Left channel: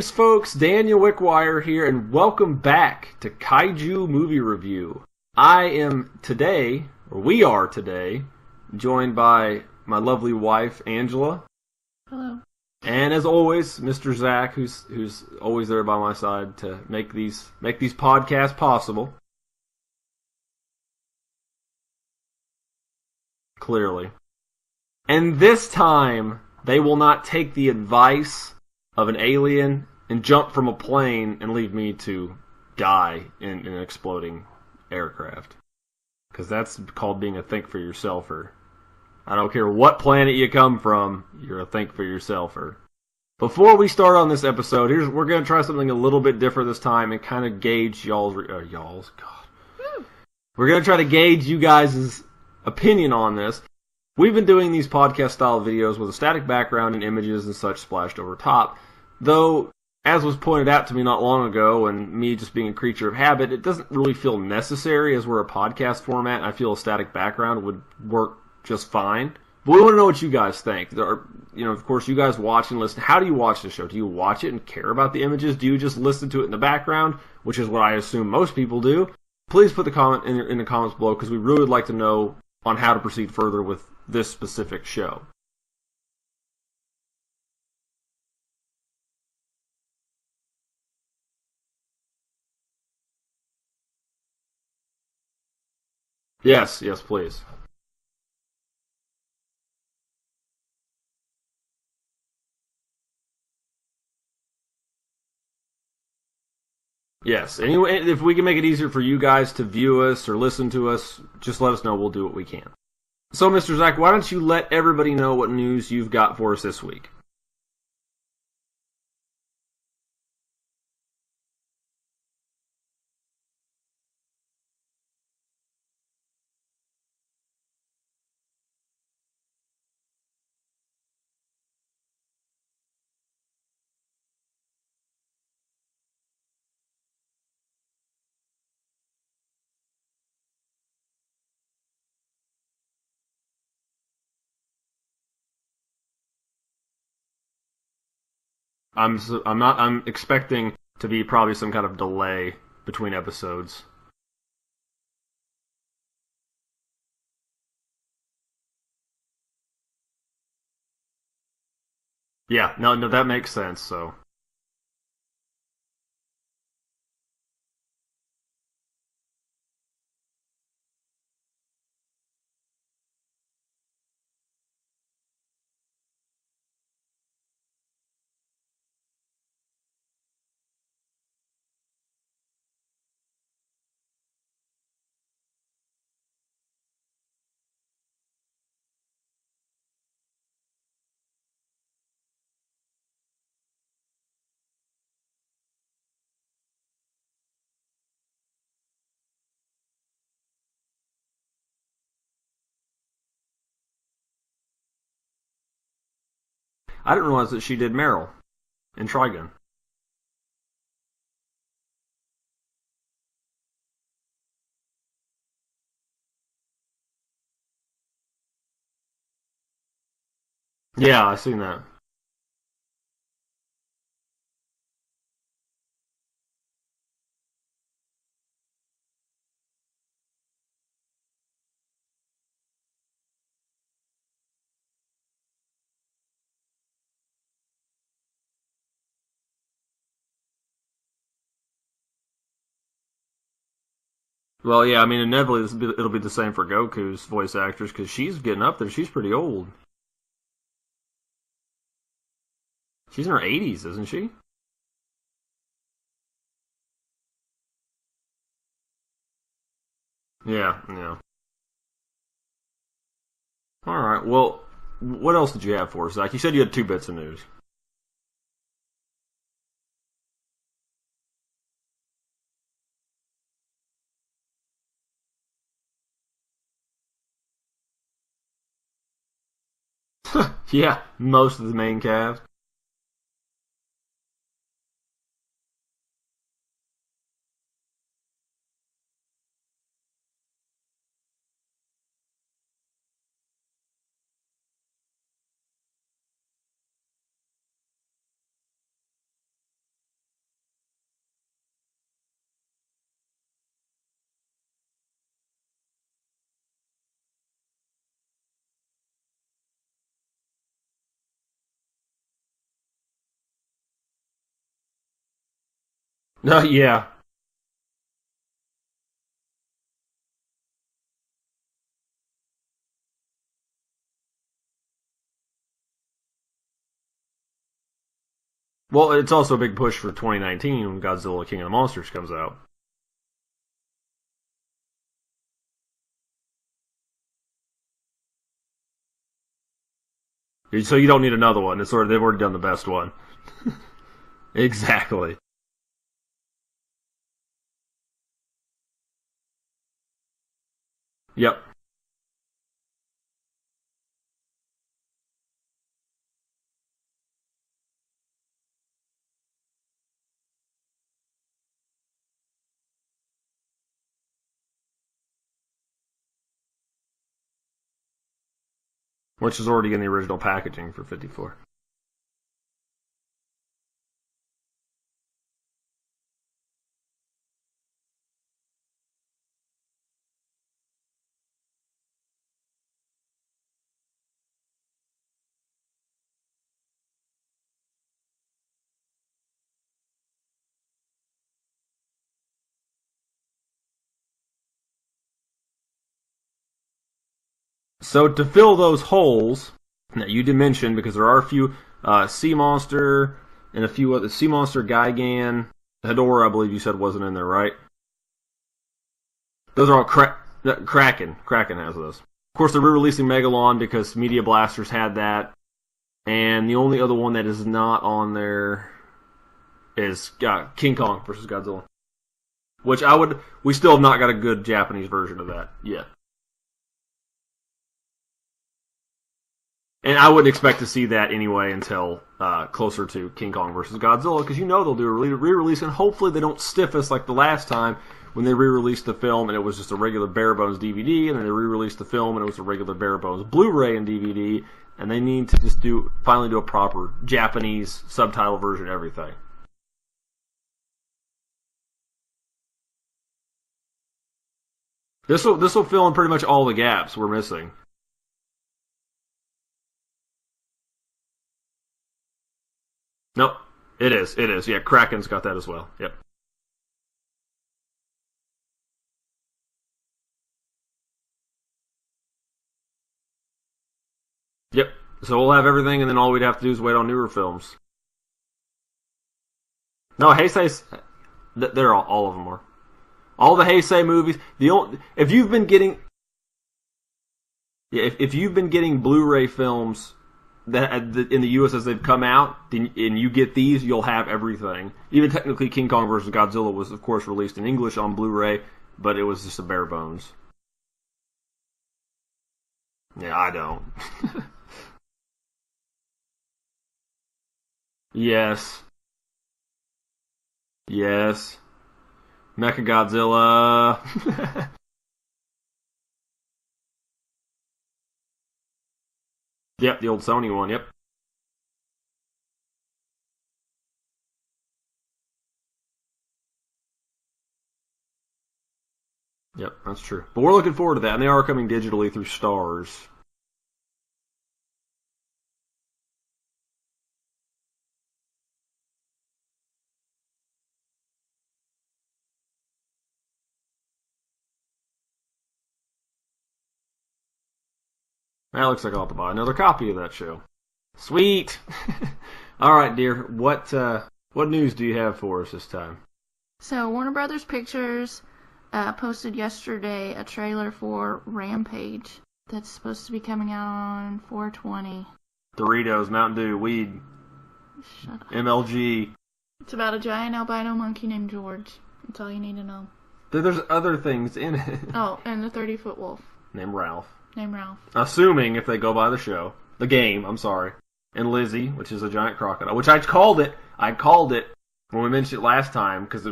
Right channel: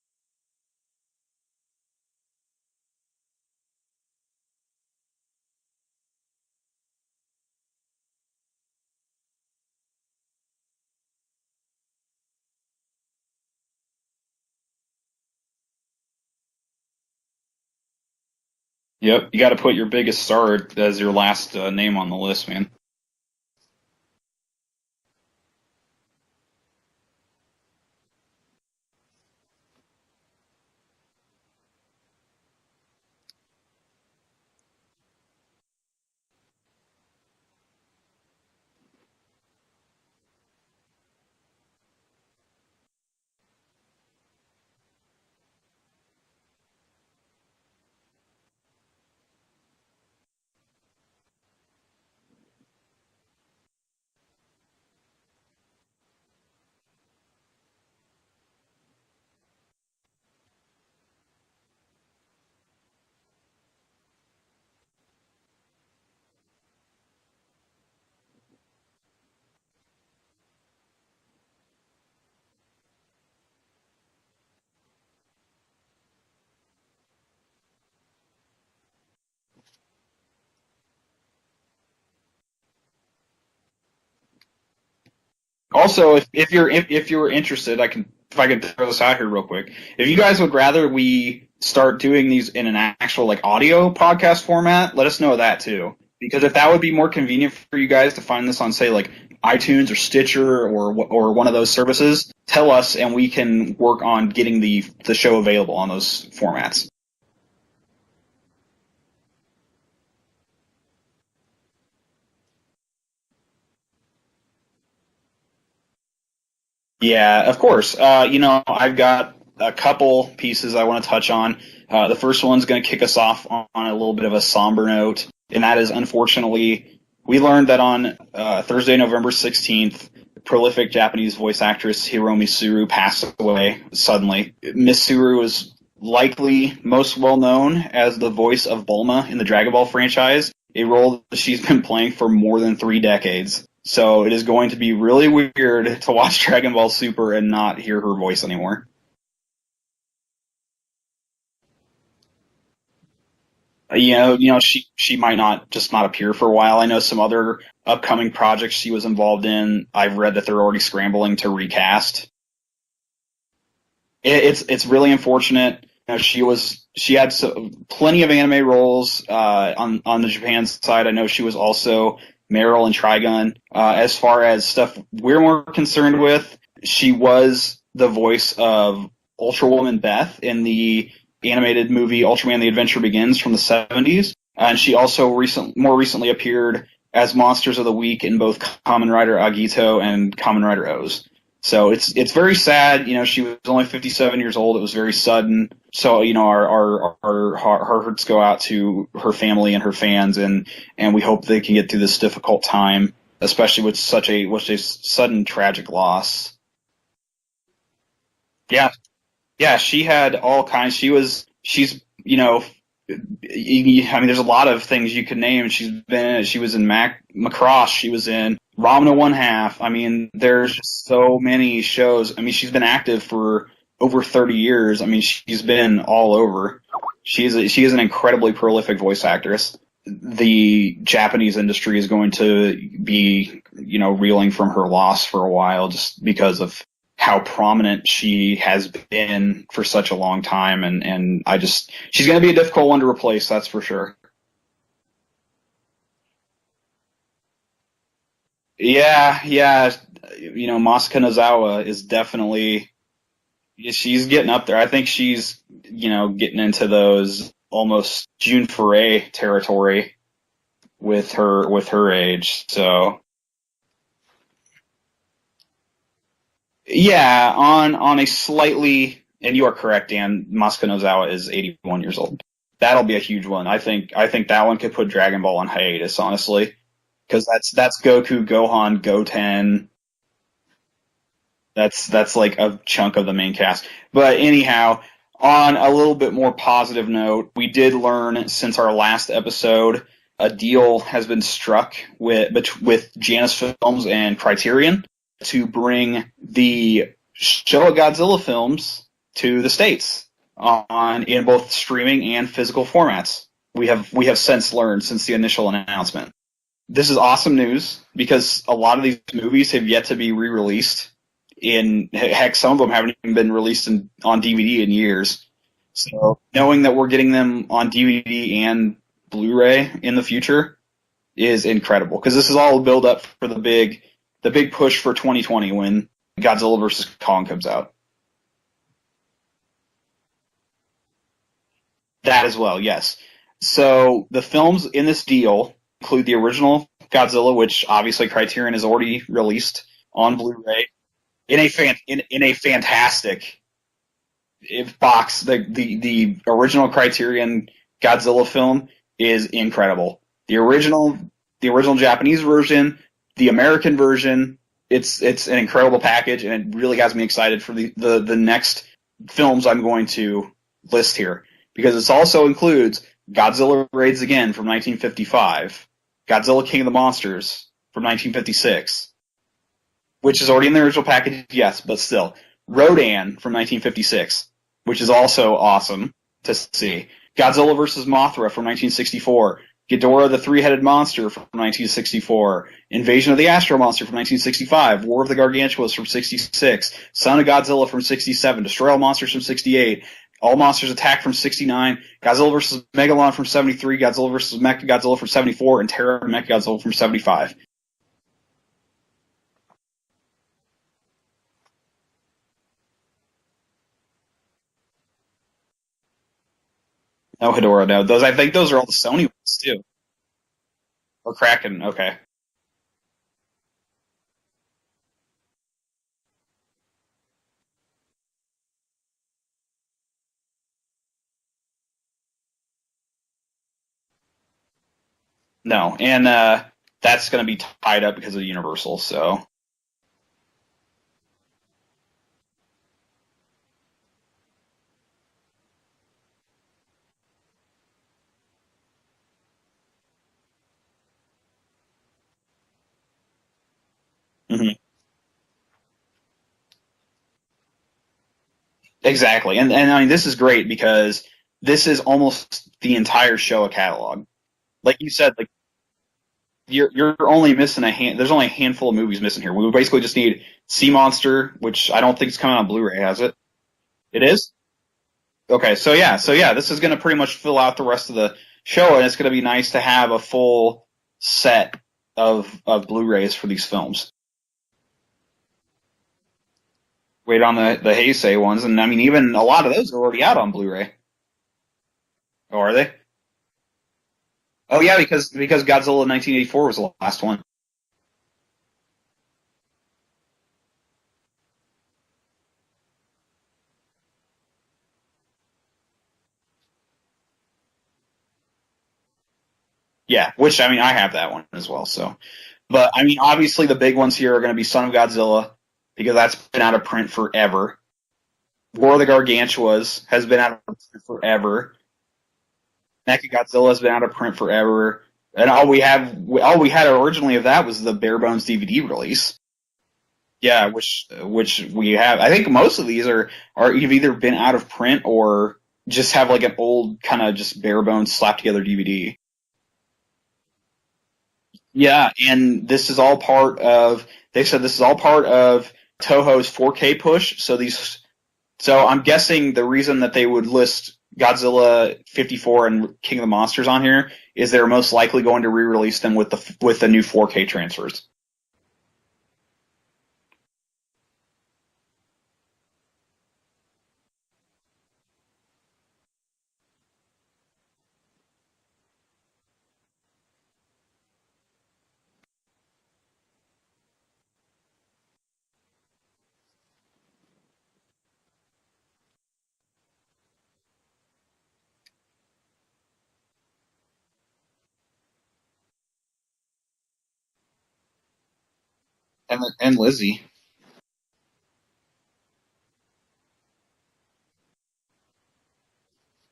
Greetings, folks. Daniel Wickwire here, and welcome back to Kaiju Movie Review. We are today, joined by my lovely wife, Angela. Hello. And as always, Mr. Zach, who's always there by my side to make these podcasts possible. Yep, you got to put your biggest star as your last name on the list, man. Clearly. And this time, they will not take the advice of an alien and jump from a plane and leave me to die in an exploding aircraft. Because that's called being a think for yourselfer. I don't care what planet you come from, you're a think for yourselfer. Before we start on this episode, we're going to try something a little bit different this time and kind of gauge We're going to try to gauge you guys' opinion on this. We've been doing these podcast-style videos with a static background and images and such splashed over top. Though, as was pointed out to me not long ago, and me just being a creature of habit, it doesn't really feel necessary as we're a podcast format. I feel a static background would work just fine. But we want to know what you guys think. Of course, you guys watch and listen. How do you watch the show? Do you watch it and care about the images? Do you just listen to it in the background, which is what I assume most people do? Please put the comment in the comments below, because we really would like to know on how to proceed further with this specific show. Also, if you're interested, if I can throw this out here real quick. If you guys would rather we start doing these in an actual audio podcast format, let us know that too. Because if that would be more convenient for you guys to find this on, say, iTunes or Stitcher or one of those services, tell us and we can work on getting the show available on those formats. Yes. Anyway, if we can make it easier for you guys to view us or listen to us, just let us know. We'll do what we can. So, Mr. Zach, why don't you let everybody know what news you've got for us this week? Yeah, of course. I've got a couple pieces I want to touch on. The first one's going to kick us off on a little bit of a somber note, and that is, unfortunately, we learned that on Thursday, November 16th, prolific Japanese voice actress Hiromi Suru passed away suddenly. Miss Suru is likely most well known as the voice of Bulma in the Dragon Ball franchise, a role that she's been playing for more than 3 decades. So it is going to be really weird to watch Dragon Ball Super and not hear her voice anymore. I'm expecting to be probably some kind of delay between episodes. She might not appear for a while. I know some other upcoming projects she was involved in. I've read that they're already scrambling to recast. Yeah, no, that makes sense. So it's really unfortunate. She had plenty of anime roles on the Japan side. I know she was also Meryl in Trigun. As far as stuff we're more concerned with, she was the voice of Ultra Woman Beth in the animated movie Ultraman: The Adventure Begins from the 70s. And she also more recently appeared as Monsters of the Week in both Kamen Rider Agito and Kamen Rider O's. So it's very sad. She was only 57 years old. It was very sudden. So, our hearts go out to her family and her fans, and we hope they can get through this difficult time, especially with such a sudden tragic loss. I didn't realize that she did Meryl. Yeah. In Trigun. Yeah, she had all kinds. There's a lot of things you could name. She was in Macross. She was in Ramna One Half. There's just so many shows. She's been active for over 30 years. She's been all over. She is an incredibly prolific voice actress. The Japanese industry is going to be, reeling from her loss for a while, just because of how prominent she has been for such a long time. And she's going to be a difficult one to replace, that's for sure. Well, yeah, inevitably it'll be the same for Goku's voice actress, because she's getting up there. Yeah. Masaka Nozawa is definitely... She's in her 80s. She's getting up there. I think she's, getting into those almost June Foray territory. Yeah. With her age. So. All right. Well, what else did you have for us, Zach? You said you had 2 bits. Yeah, on a slightly, and you are correct, Dan. Masaka Nozawa is 81 years old. That'll be a huge one. I think that one could put Dragon Ball on hiatus, honestly, because that's Goku, Gohan, Goten. Yeah, most of the main cast. That's like a chunk of the main cast. But anyhow, on a little bit more positive note, we did learn since our last episode, a deal has been struck with Janus Films and Criterion to bring the Showa Godzilla films to the States in both streaming and physical formats. We have since learned since the initial announcement. This is awesome news because a lot of these movies have yet to be re-released. Heck, some of them haven't even been released on DVD in years. So knowing that we're getting them on DVD and Blu-ray in the future is incredible because this is all a build up for the big push for 2020 when Godzilla vs. Kong comes out. Well, it's also a big push for 2019 when Godzilla King of the Monsters comes out. That as well, yes. So the films in this deal include the original Godzilla, which obviously Criterion has already released on Blu-ray. So you don't need another one. In a fantastic box. The original Criterion Godzilla film is incredible. The original Japanese version, the American version, it's an incredible package, and it really has me excited for the next films I'm going to list here because it also includes Godzilla Raids Again from 1955, Godzilla King of the Monsters from 1956. Which is already in the original package, yes, but still. Rodan from 1956, which is also awesome to see. Godzilla vs. Mothra from 1964. Ghidorah the Three-Headed Monster from 1964. Invasion of the Astro Monster from 1965. War of the Gargantuas from 66. Son of Godzilla from 67. Destroy All Monsters from 68. All Monsters Attack from 69. Godzilla vs. Megalon from 73. Godzilla vs. Mechagodzilla from 74. And Terror Mechagodzilla from 75. So to fill those holes that you did mention, because there are a few Sea Monster and a few other Sea Monster, Gigan, Ghidorah, I believe you said wasn't in there. Oh, right? Ghidorah, no. I think those are all the Sony ones too. Those are all Kraken. Oh, Kraken, okay. Of course, they're re-releasing Megalon because Media Blasters had that, and the only other one that is not on there is King Kong versus Godzilla, which we still have not got a good Japanese version of that. No, yet. And that's going to be tied up because of Universal, so. And I wouldn't expect to see that anyway until closer to King Kong versus Godzilla, because they'll do a re-release, and hopefully they don't stiff us like the last time when they re-released the film and it was just a regular bare-bones DVD, and then they re-released the film and it was a regular bare-bones Blu-ray and DVD, and they need to just finally do a proper Japanese subtitle version every Exactly, and I mean, this is great because this is almost the entire Showa catalog. Like you said, this will fill in pretty much all the gaps. You're only missing there's only a handful of movies missing here. We basically just need Sea Monster, which I don't think is coming on Blu-ray, has it? Nope. It is. Yeah, Kraken's got that. Okay, so this is going to pretty much fill out the rest of the show, and it's going to be nice to have a full set of Blu-rays for these films. Yep. So we'll have everything, and then all we'd have to do is wait on newer. Wait on the Heisei ones, and I mean even a lot of those are already out on Blu-ray. They're all of them. Oh, are they? All the Heisei movies. Because Godzilla 1984 was the last one. Yeah, if you've been getting Blu-ray films that in the U.S. as they've come out, and you get these, you'll have everything. Even technically, King Kong vs. Godzilla was, of course, released in English on Blu-ray, but it was just a bare bones. Yeah, which, I mean, I have that one as well. So, but, I mean, obviously the big ones here are going to be Son of Godzilla, because that's been out of print forever. Yes. War of the Gargantuas has been out of print forever. Mechagodzilla's been out of print forever. And all we had originally of that was the bare bones DVD release. Yep, the old Sony. Yeah, one, which we have. I think most of these are have either been out of print or just have like an old kind of just bare bones slapped together DVD. Yep, that's true. But we're looking forward to that, and they are coming digitally. Yeah, and this is all part of. They said this is all part of Toho's 4K push. So I'm guessing the reason that they would list Godzilla 54 and King of the Monsters on here is they're most likely going to re-release them with the new 4K transfers. That looks like I'll have to buy another copy of that show. Sweet. All right, dear. What news do you have for us this time? So Warner Brothers Pictures posted yesterday a trailer for Rampage that's supposed to be coming out on 4/20. Doritos, Mountain Dew, weed, Shut up. MLG. It's about a giant albino monkey named George. That's all you need to know. There's other things in it. Oh, and the 30-foot wolf. Named Ralph. Assuming if they go by the show. And Lizzie. The game, I'm sorry. And Lizzie, which is a giant crocodile. Which I called it when we mentioned it last time, because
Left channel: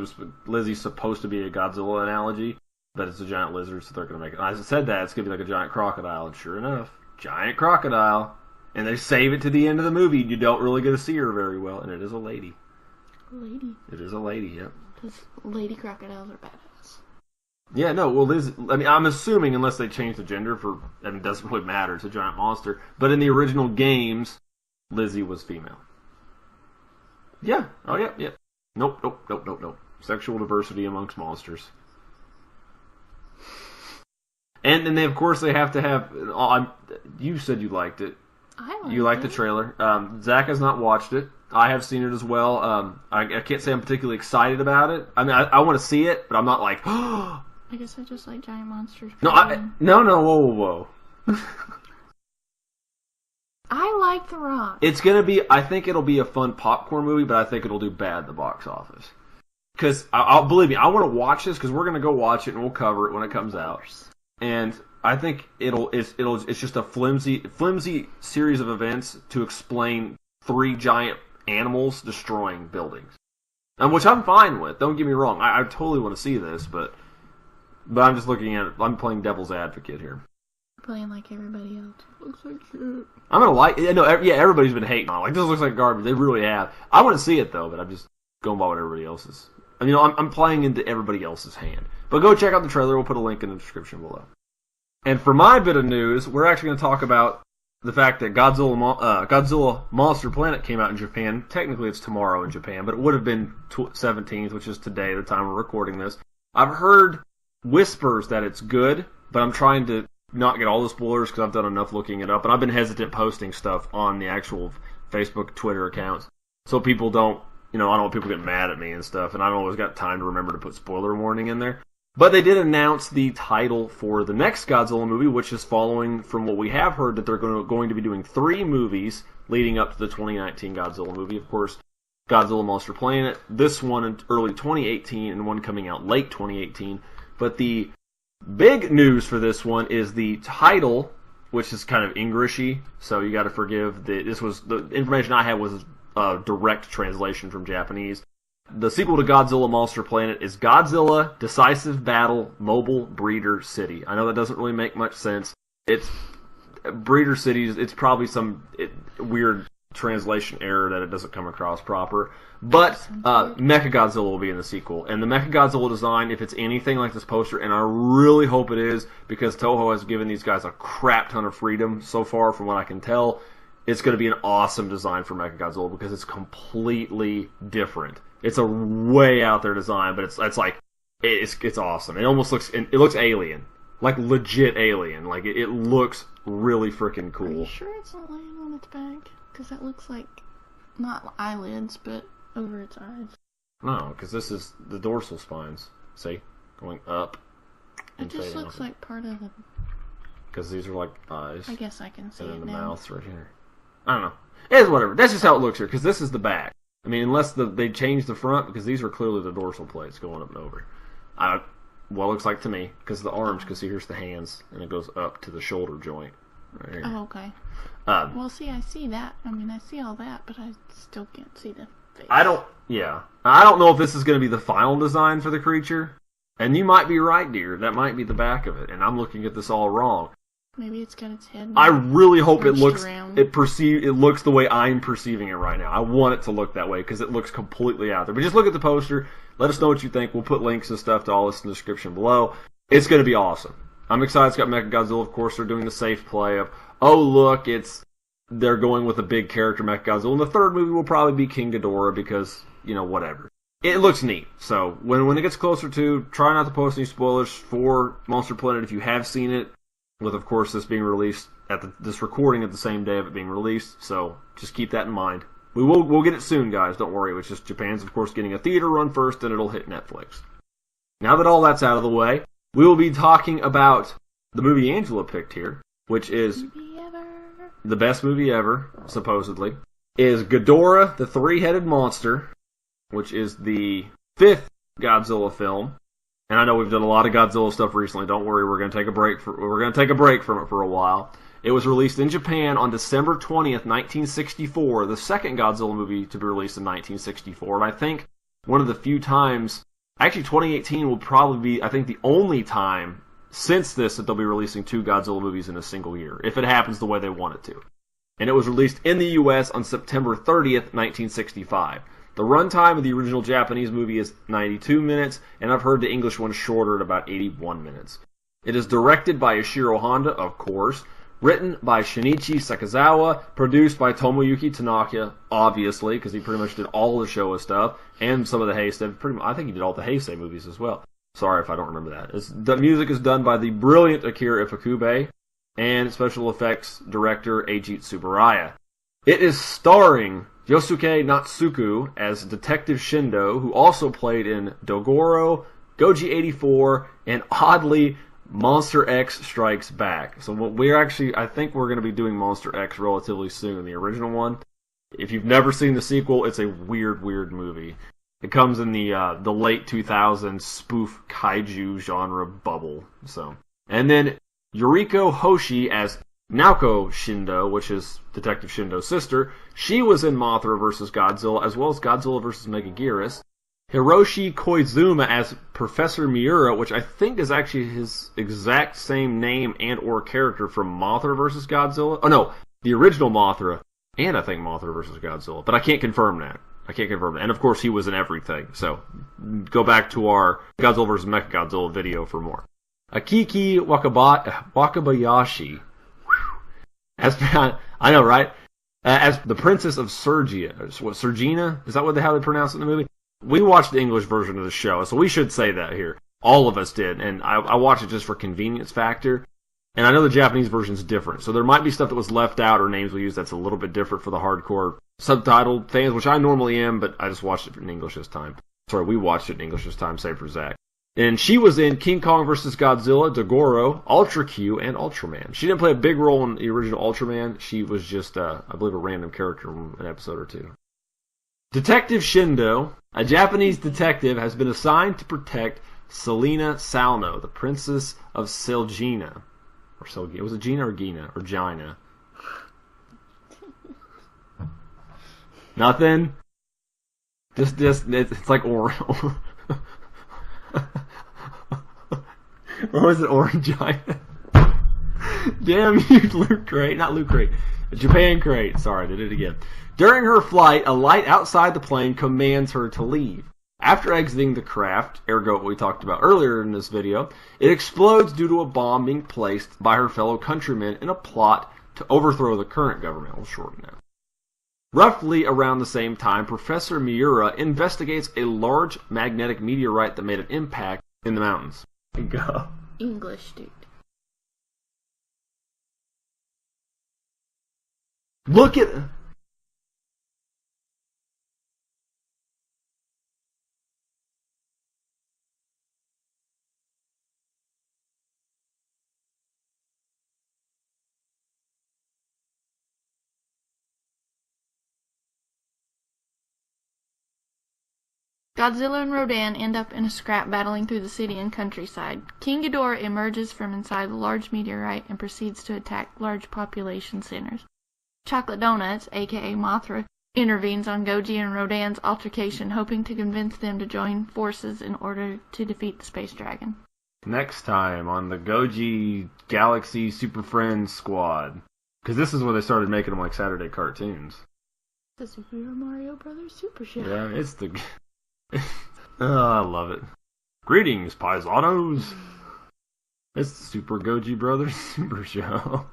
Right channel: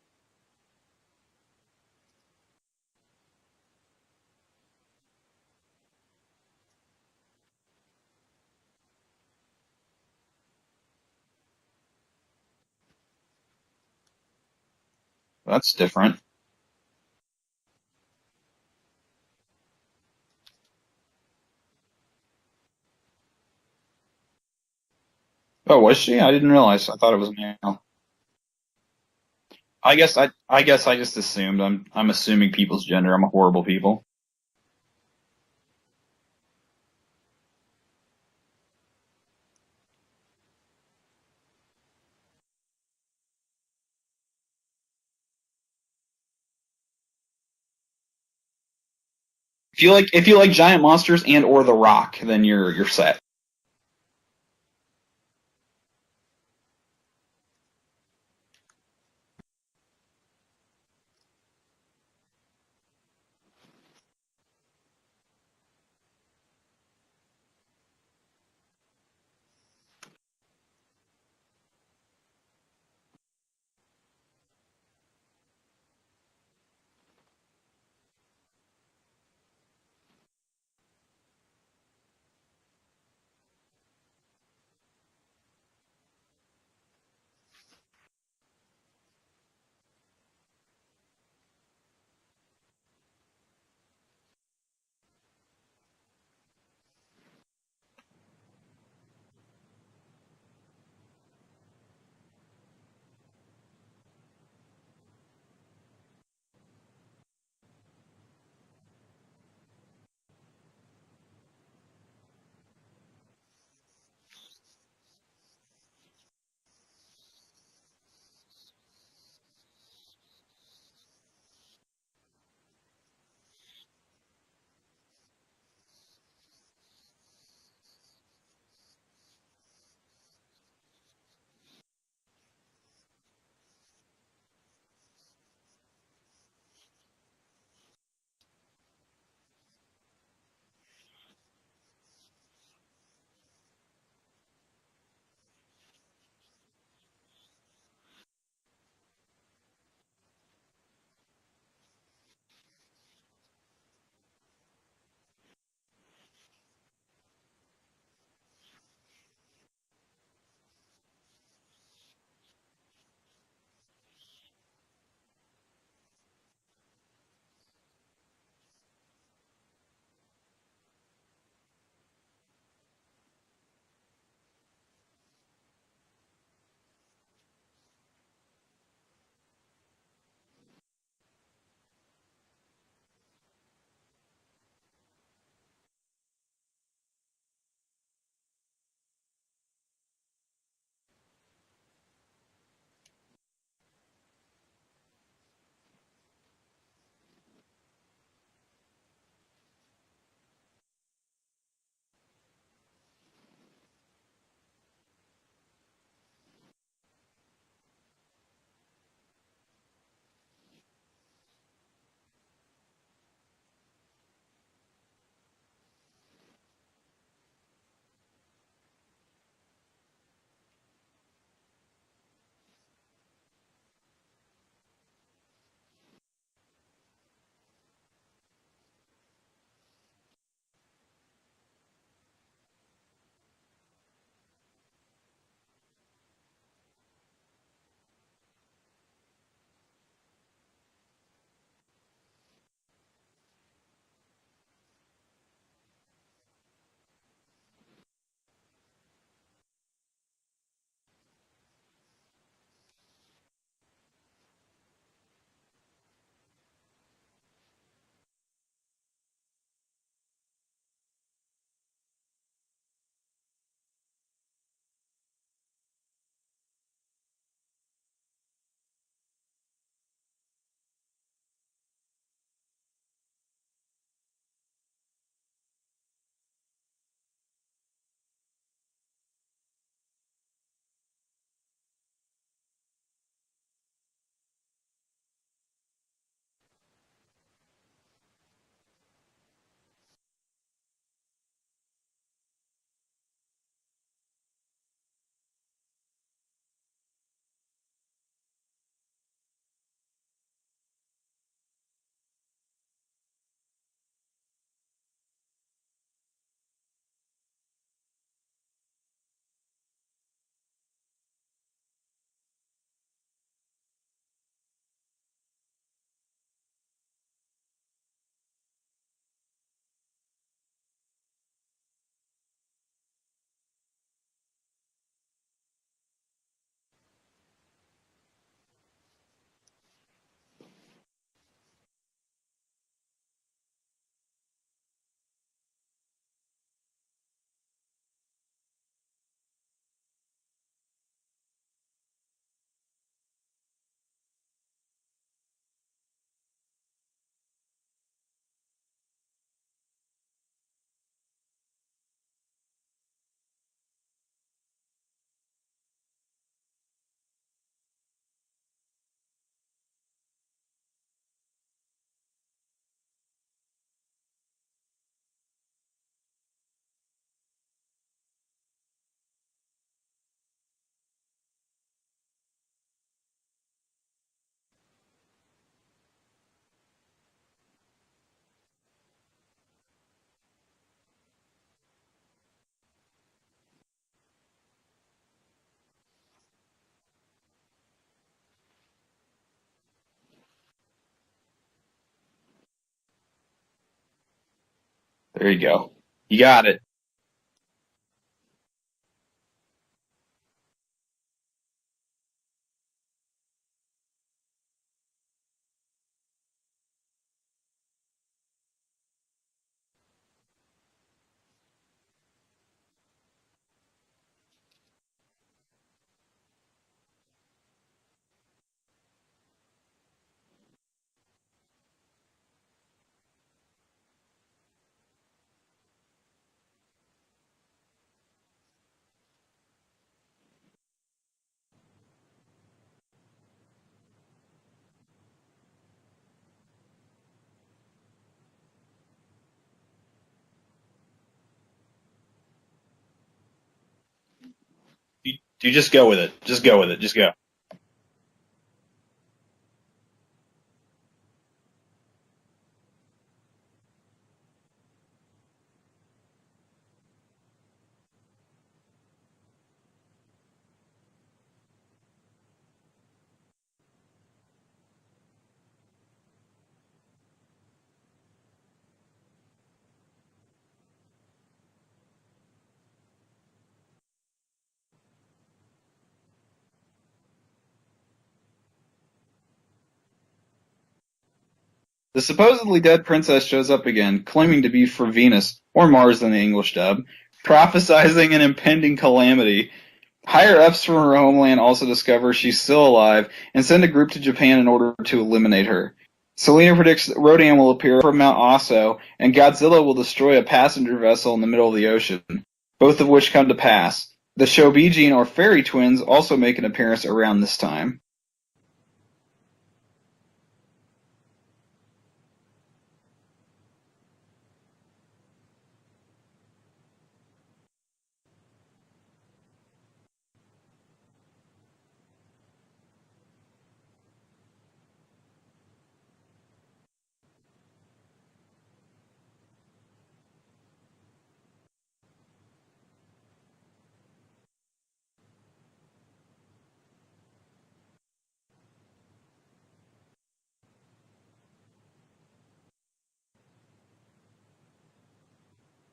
Lizzie's supposed to be a Godzilla analogy, but it's a giant lizard, so they're going to make it. I said that, it's going to be like a giant crocodile, and sure enough, giant crocodile. And they save it to the end of the movie, and you don't really get to see her very well, and it is a lady. Lady. It is a lady, yep. That's different. Yeah, no, well, Liz, I mean, I'm assuming, unless they change the gender it doesn't really matter, it's a giant monster, but in the original games, Lizzie was female. Oh, was she? I didn't realize. I thought it was male. Yeah. Oh, yeah. Nope. I guess I just monsters. assumed. I'm assuming people's gender. I'm a horrible people. And then, of course, they have to have, you said you liked it. You liked the trailer. Zach has not watched it. I have seen it as well. I can't say I'm particularly excited about it. I mean, I want to see it, but I'm not like, I guess I just like giant monsters. No, if you like giant monsters and or The Rock, then you're set. I like The Rock. It's gonna be. I think it'll be a fun popcorn movie, but I think it'll do bad at the box office. Because I'll believe me, I want to watch this because we're gonna go watch it and we'll cover it when it comes out. And I think it's just a flimsy series of events to explain 3 giant animals destroying buildings, and which I'm fine with. Don't get me wrong. I totally want to see this, but I'm just looking at it. I'm playing devil's advocate here. Playing like everybody else. Looks like shit. I'm gonna like. Everybody's been hating on it. Like, this looks like garbage. They really have. I want to see it though, but I'm just going by what everybody else is. I mean, I'm playing into everybody else's hand. But go check out the trailer. We'll put a link in the description below. And for my bit of news, we're actually going to talk about the fact that Godzilla Monster Planet came out in Japan. Technically, it's tomorrow in Japan, but it would have been 17th, which is today, the time we're recording this. I've heard whispers that it's good, but I'm trying to not get all the spoilers because I've done enough looking it up, and I've been hesitant posting stuff on the actual Facebook, Twitter accounts, so people don't, I don't want people getting mad at me and stuff, and I don't always got time to remember to put spoiler warning in there. But they did announce the title for the next Godzilla movie, which is following from what we have heard that they're going to be doing 3 movies leading up to the 2019 Godzilla movie. Of course, Godzilla Monster Planet, this one in early 2018, and one coming out late 2018. But the big news for this one is the title, which is kind of Englishy, so you got to forgive. The information I had was a direct translation from Japanese. The sequel to Godzilla Monster Planet is Godzilla Decisive Battle Mobile Breeder City. I know that doesn't really make much sense. It's Breeder Cities. It's probably some weird translation error that it doesn't come across proper. But Mechagodzilla will be in the sequel. And the Mechagodzilla design, if it's anything like this poster, and I really hope it is, because Toho has given these guys a crap ton of freedom so far from what I can tell, it's going to be an awesome design for Mechagodzilla because it's completely different. It's a way out there design, but it's awesome. It almost looks alien, like legit alien. Like it looks really freaking cool. Are you sure it's not laying on its back? Because that looks like not eyelids, but over its eyes. No, because this is the dorsal spines. See, going up. It just looks like part of the. Because these are like eyes. I guess I can see it now. And then the mouth's right here. I don't know. It's whatever. That's just how it looks here. Because this is the back. I mean, unless they change the front, because these are clearly the dorsal plates going up and over. Well, it looks like to me, because the arms, because here's the hands, and it goes up to the shoulder joint. Right here. Oh, okay. Well, see, I see that. I mean, I see all that, but I still can't see the face. I don't know if this is going to be the final design for the creature. And you might be right, dear. That might be the back of it, and I'm looking at this all wrong. Maybe it's got its head. I really hope it looks around. it looks the way I'm perceiving it right now. I want it to look that way because it looks completely out there. But just look at the poster. Let us know what you think. We'll put links and stuff to all this in the description below. It's going to be awesome. I'm excited. It's got Mechagodzilla. Of course, they're doing the safe play of, oh look, they're going with a big character Mechagodzilla. And the third movie will probably be King Ghidorah because whatever. It looks neat. So when it gets closer to, try not to post any spoilers for Monster Planet if you have seen it. With, of course, this being released this recording at the same day of it being released, so just keep that in mind. We'll get it soon, guys. Don't worry. It's just Japan's, of course, getting a theater run first, and it'll hit Netflix. Now that all that's out of the way, we will be talking about the movie Angela picked here, which is the best movie ever, supposedly. Is Ghidorah, the Three-Headed Monster, which is the 5th Godzilla film. And I know we've done a lot of Godzilla stuff recently. Don't worry, we're going to take a break from it for a while. It was released in Japan on December 20th, 1964, the second Godzilla movie to be released in 1964. And I think one of the few times, actually 2018 will probably be, I think, the only time since this that they'll be releasing 2 Godzilla movies in a single year, if it happens the way they want it to. And it was released in the U.S. on September 30th, 1965. The runtime of the original Japanese movie is 92 minutes, and I've heard the English one shorter at about 81 minutes. It is directed by Ishiro Honda, of course, written by Shinichi Sakazawa, produced by Tomoyuki Tanaka, obviously, because he pretty much did all the Showa stuff, and some of the Heisei. I think he did all the Heisei movies as well. Sorry if I don't remember that. The music is done by the brilliant Akira Ifukube, and special effects director Eiji Tsuburaya. It is starring Yosuke Natsuku as Detective Shindo, who also played in Dogoro, Goji 84, and oddly, Monster X Strikes Back. So I think we're going to be doing Monster X relatively soon, the original one. If you've never seen the sequel, it's a weird movie. It comes in the late 2000s spoof kaiju genre bubble. And then Yuriko Hoshi as Naoko Shindo, which is Detective Shindo's sister. She was in Mothra vs. Godzilla, as well as Godzilla vs. Megaguirus. Hiroshi Koizuma as Professor Miura, which I think is actually his exact same name and or character from Mothra vs. Godzilla. Oh no, the original Mothra, and I think Mothra vs. Godzilla, but I can't confirm that. And of course he was in everything, so go back to our Godzilla vs. Mechagodzilla video for more. Akiki Wakabayashi. There you go. You got it. I know, right? As the Princess of Sergia. Sergina? Is that how they pronounce it in the movie? We watched the English version of the show, so we should say that here. All of us did, and I watched it just for convenience factor. And I know the Japanese version's different, so there might be stuff that was left out or names we use that's a little bit different for the hardcore subtitled fans, which I normally am, but I just watched it in English this time. Sorry, we watched it in English this time, save for Zach. And she was in King Kong vs. Godzilla, Dogoro, Ultra Q, and Ultraman. She didn't play a big role in the original Ultraman. She was just, I believe, a random character in an episode or two. Detective Shindo, a Japanese detective, has been assigned to protect Selina Salno, the Princess of Selgina. Was it Gina or Gina? Or Gina? You just go with it. Just go with it. Just go. It's like or was it Orangina? Damn you, Loot Crate. Not Loot Crate. Japan Crate. Sorry, I did it again. During her flight, a light outside the plane commands her to leave. After exiting the craft, ergo what we talked about earlier in this video, it explodes due to a bomb being placed by her fellow countrymen in a plot to overthrow the current government. We'll shorten that. Roughly around the same time, Professor Miura investigates a large magnetic meteorite that made an impact in the mountains. The supposedly dead princess shows up again, claiming to be from Venus, or Mars in the English dub, prophesizing an impending calamity. Higher-ups from her homeland also discover she's still alive and send a group to Japan in order to eliminate her. Selina predicts that Rodan will appear from Mount Aso, and Godzilla will destroy a passenger vessel in the middle of the ocean, both of which come to pass. The Shobijin, or fairy twins, also make an appearance around this time. Godzilla and Rodan end up in a scrap battling through the city and countryside. King Ghidorah emerges from inside the large meteorite and proceeds to attack large population centers. Chocolate Donuts, aka Mothra, intervenes on Goji and Rodan's altercation, hoping to convince them to join forces in order to defeat the Space Dragon. Next time on the Goji Galaxy Super Friends Squad. Because this is when they started making them like Saturday cartoons. The Super Mario Brothers Super Show. Yeah, it's the... Oh, I love it. Greetings, paisanos. It's the Super Goji Brothers Super Show.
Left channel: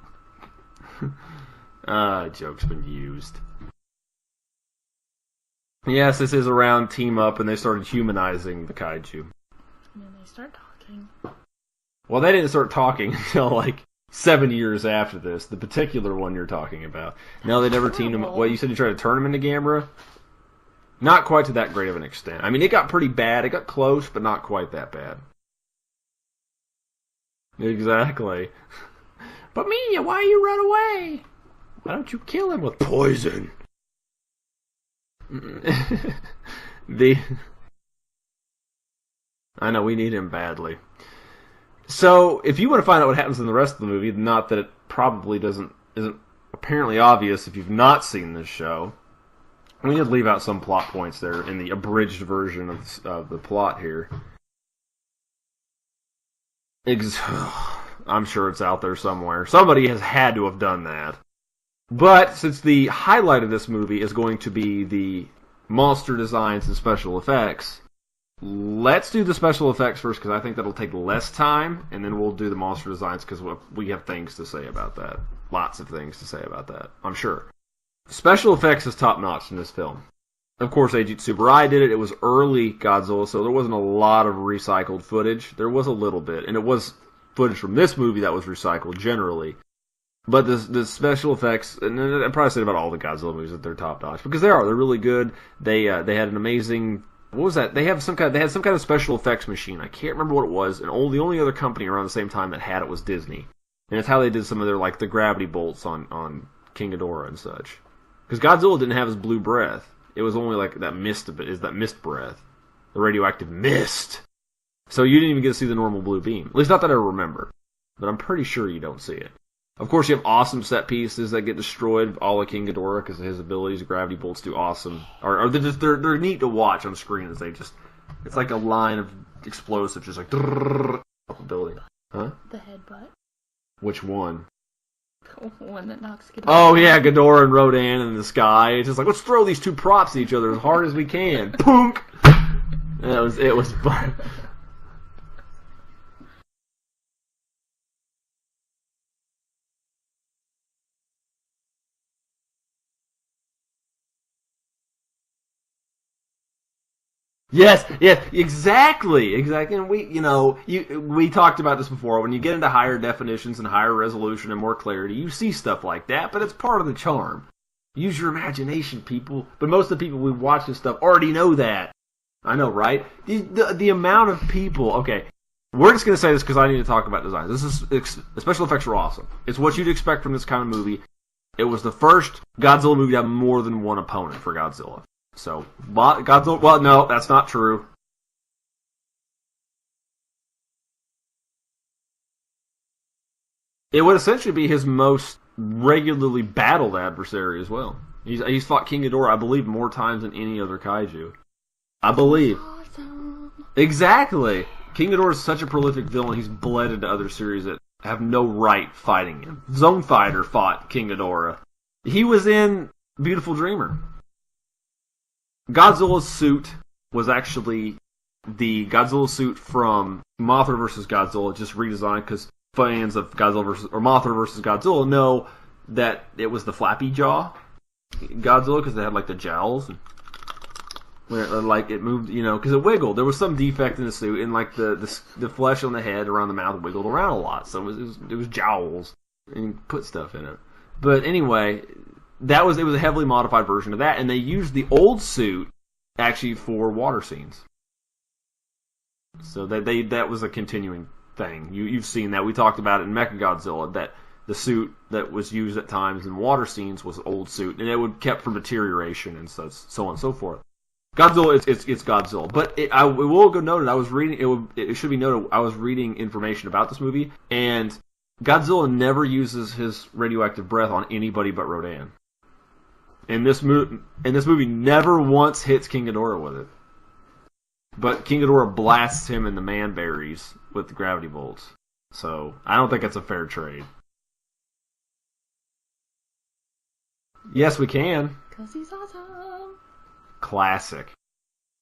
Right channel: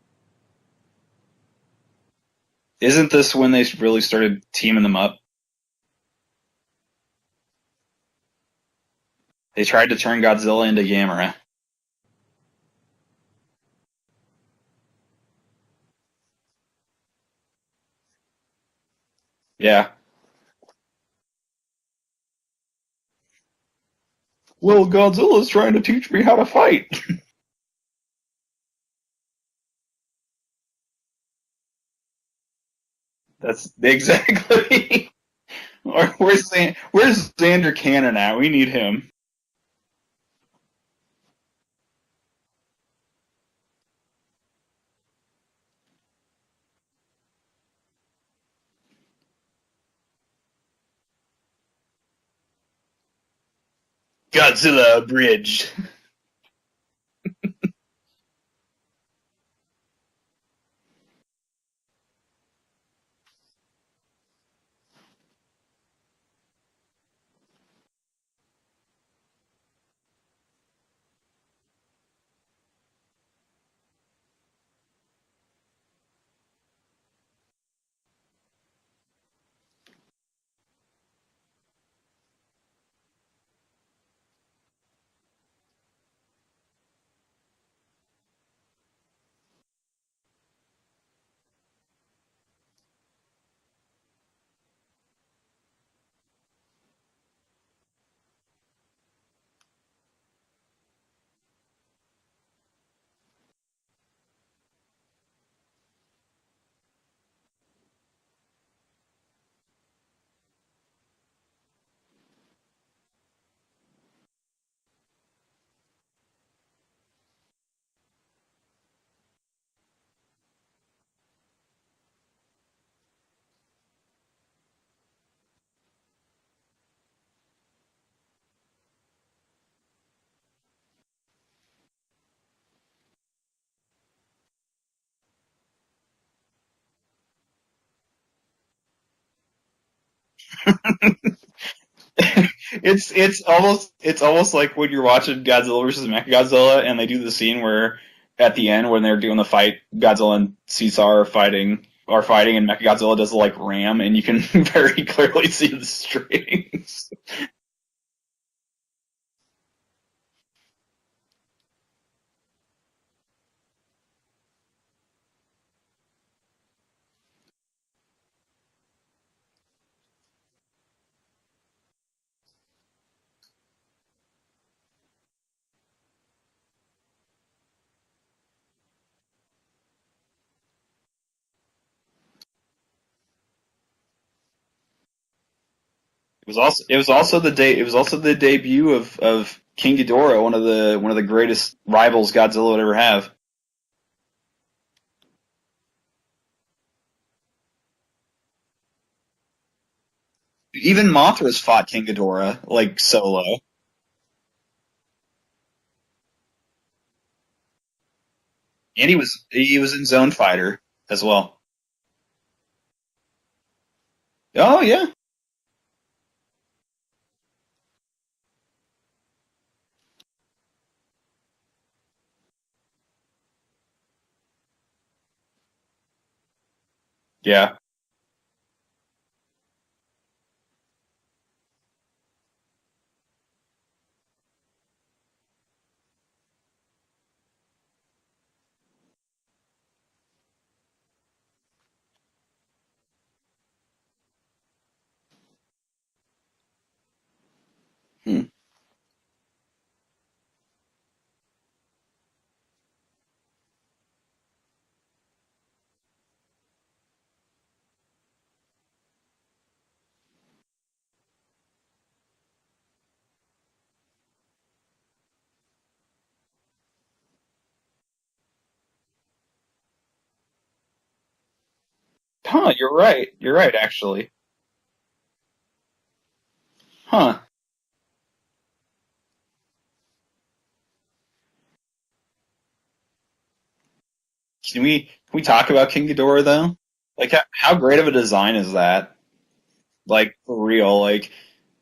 Jokes. Isn't this when they really started teaming them up? Yes, this is around Team Up, and they started humanizing the kaiju. They tried to turn Godzilla into Gamera. Well, they didn't start talking until like 7 years after this. The particular one you're talking about. No, they never teamed him. What, you said you tried to turn him into Gamera? Yeah. Not quite to that great of an extent. I mean, it got pretty bad. It got close, but not quite. Well, Godzilla's trying to teach me how to fight. Exactly. But Mia, why you run away? Why don't you kill him with poison? That's exactly. Where's Xander Cannon at? We need him. I know, we need him badly. So, if you want to find out what happens in the rest of the movie, not that it probably isn't apparently obvious if you've not seen this show, we did leave out some plot points there in the abridged version of the plot here. Godzilla abridged. I'm sure it's out there somewhere. Somebody has had to have done that. But since the highlight of this movie is going to be the monster designs and special effects, let's do the special effects first because I think that'll take less time, and then we'll do the monster designs because we have things to say about that. Lots of things to say about that, I'm sure. Special effects is top-notch in this film. Of course, Eiji Tsuburaya did it. It was early Godzilla, so there wasn't a lot of recycled footage. There was a little bit, and it was footage from this movie that was recycled generally. But the special effects, and I'd probably say about all the Godzilla movies that they're top-notch because they're really good. They had an amazing. What was that? They had some kind of special effects machine. I can't remember what it was, and the only other company around the same time that had it was Disney. And it's how they did some of their the gravity bolts on King Ghidorah and such. Because Godzilla didn't have his blue breath. It was only that mist breath. The radioactive mist. So you didn't even get to see the normal blue beam. At least not that I remember. But I'm pretty sure you don't see it. Of course, you have awesome set pieces that get destroyed, all of King Ghidorah, because of his abilities. Gravity bolts do awesome. Or they're neat to watch on screen as it's like a line of explosives, just like up a building. Huh? The headbutt. Which one? The one that knocks Ghidorah. Oh yeah, Ghidorah and Rodan in the sky. It's just like, let's throw these two props at each other as hard as we can. Punk. It's almost like when you're watching Godzilla versus Mechagodzilla, and they do the scene where at the end when they're doing the fight, Godzilla and Caesar are fighting, and Mechagodzilla does the ram, and you can very clearly see the strings. Yes, exactly. And we talked about this before. When you get into higher definitions and higher resolution and more clarity, you see stuff like that, but it's part of the charm. Use your imagination, people. But most of the people we watch this stuff already know that. I know, right? The amount of people. Okay, we're just gonna say this because I need to talk about design. The special effects are awesome. It's what you'd expect from this kind of movie. It was the first Godzilla movie to have more than one opponent for Godzilla. So Godzilla. It was also the debut of King Ghidorah, one of the greatest rivals Godzilla would ever have. It would essentially be his most regularly battled adversary as well. He's fought King Ghidorah, I believe, more times than any other. Even Mothra's fought King Ghidorah, solo. Exactly. King Ghidorah is such a prolific villain. He's bled into other series that have no right fighting him. He was in Zonefighter fought King Ghidorah as well. He was in Beautiful Dreamer. Oh yeah. Godzilla's suit was actually the Godzilla suit from Mothra vs. Godzilla, just redesigned because fans of Mothra vs. Godzilla know that it was the flappy jaw. Yeah. Godzilla, because they had the jowls, and it moved, because it wiggled. There was some defect in the suit, and the flesh on the head around the mouth wiggled around a lot, so it was jowls, and you put stuff in it. But anyway, it was a heavily modified version of that, and they used the old suit actually for water scenes. So that was a continuing thing. You've seen that. We talked about it in Mechagodzilla, that the suit that was used at times in water scenes was old suit, and it would kept from deterioration and so on and so forth. Godzilla, it's Godzilla. But it will go noted, I was reading, it should be noted, I was reading information about this movie, and Godzilla never uses his radioactive breath on anybody but Rodan. Huh, you're right. Actually. And this movie never once hits King Ghidorah with it. Huh. But King Ghidorah blasts him in the man-berries with the gravity bolts. So, I don't think it's a fair trade. Can we talk about King Ghidorah, though? How great of a design is that? For real.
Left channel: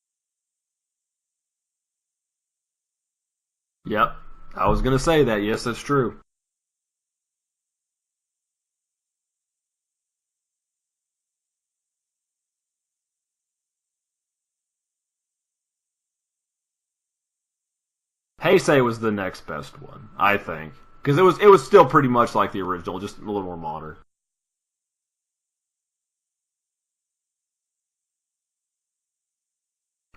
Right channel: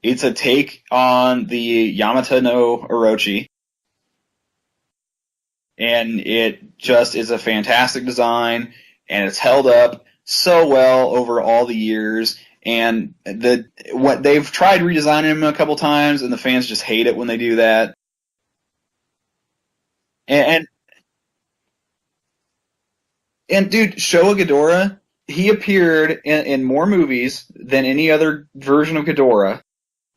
It's a take on the Yamata no Orochi. Yep. I was going to say that. Yes, that's true. And it just is a fantastic design, and it's held up so well over all the years. And they've tried redesigning him a couple times, and the fans just hate it when they do that. Heisei was the next best one, I think. Because it was still pretty much like the original, just a little more. And dude, Showa Ghidorah, he appeared in more movies than any other version of Ghidorah.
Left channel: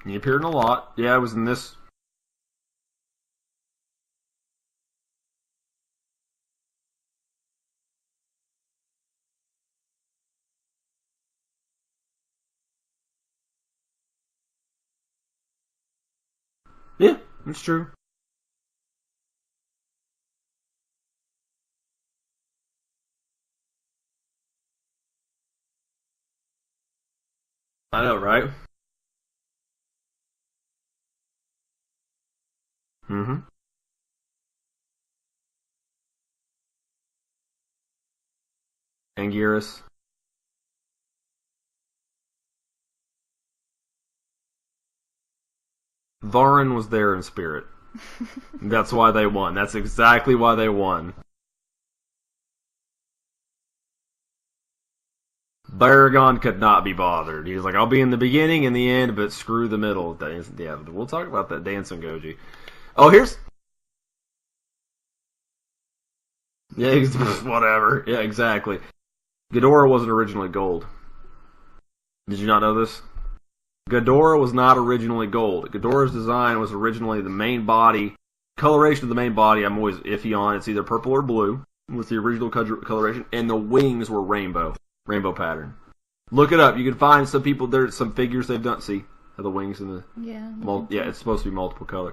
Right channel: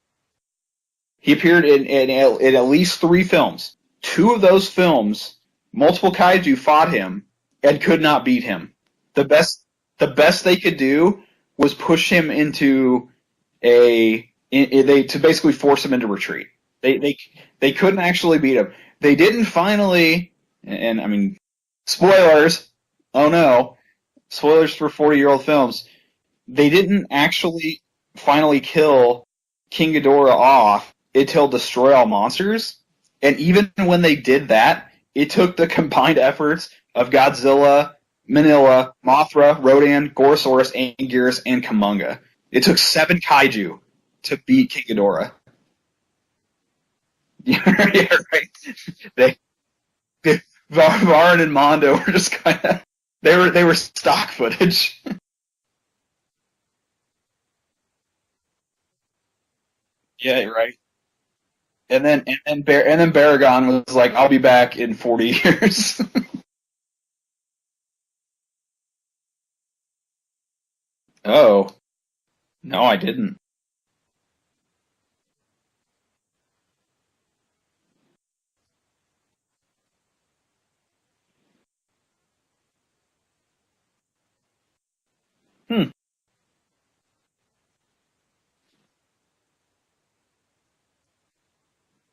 He appeared in a lot. Yeah, he appeared in at least 3 films. 2 of those films, multiple kaiju fought him and could not beat him. The best they could do was push him into to basically force him into retreat. They couldn't actually beat him. They didn't finally, and I mean, spoilers. Oh no, spoilers for 40-year-old films. They didn't actually finally kill King Ghidorah off until Destroy All Monsters. Mm-hmm. And even when they did that, it took the combined efforts of Godzilla, Minilla, Mothra, Rodan, Gorosaurus, Anguirus, and Kumonga. It took 7 kaiju to beat King Ghidorah. Varan was there in spirit. Yeah, right. That's why they won. That's exactly why they won. Varan and Mondo were just kind of they were stock footage. Baragon could not be bothered. He was like, "I'll be in the beginning and the end, but screw the middle." Yeah, right. We'll talk about that dancing. And then Baragon was like, "I'll be back in 40 years." Yeah, whatever. Yeah, exactly. Ghidorah wasn't originally gold. Oh. Did you not know this? No, I didn't. Ghidorah was not originally gold. Ghidorah's design was originally the main body. Coloration of the main body, I'm always iffy on. It's either purple or blue, with the original coloration, and the wings were rainbow pattern. Look it up. You can find some people, there's some figures they've done. See, the wings and the it's supposed to be multiple color.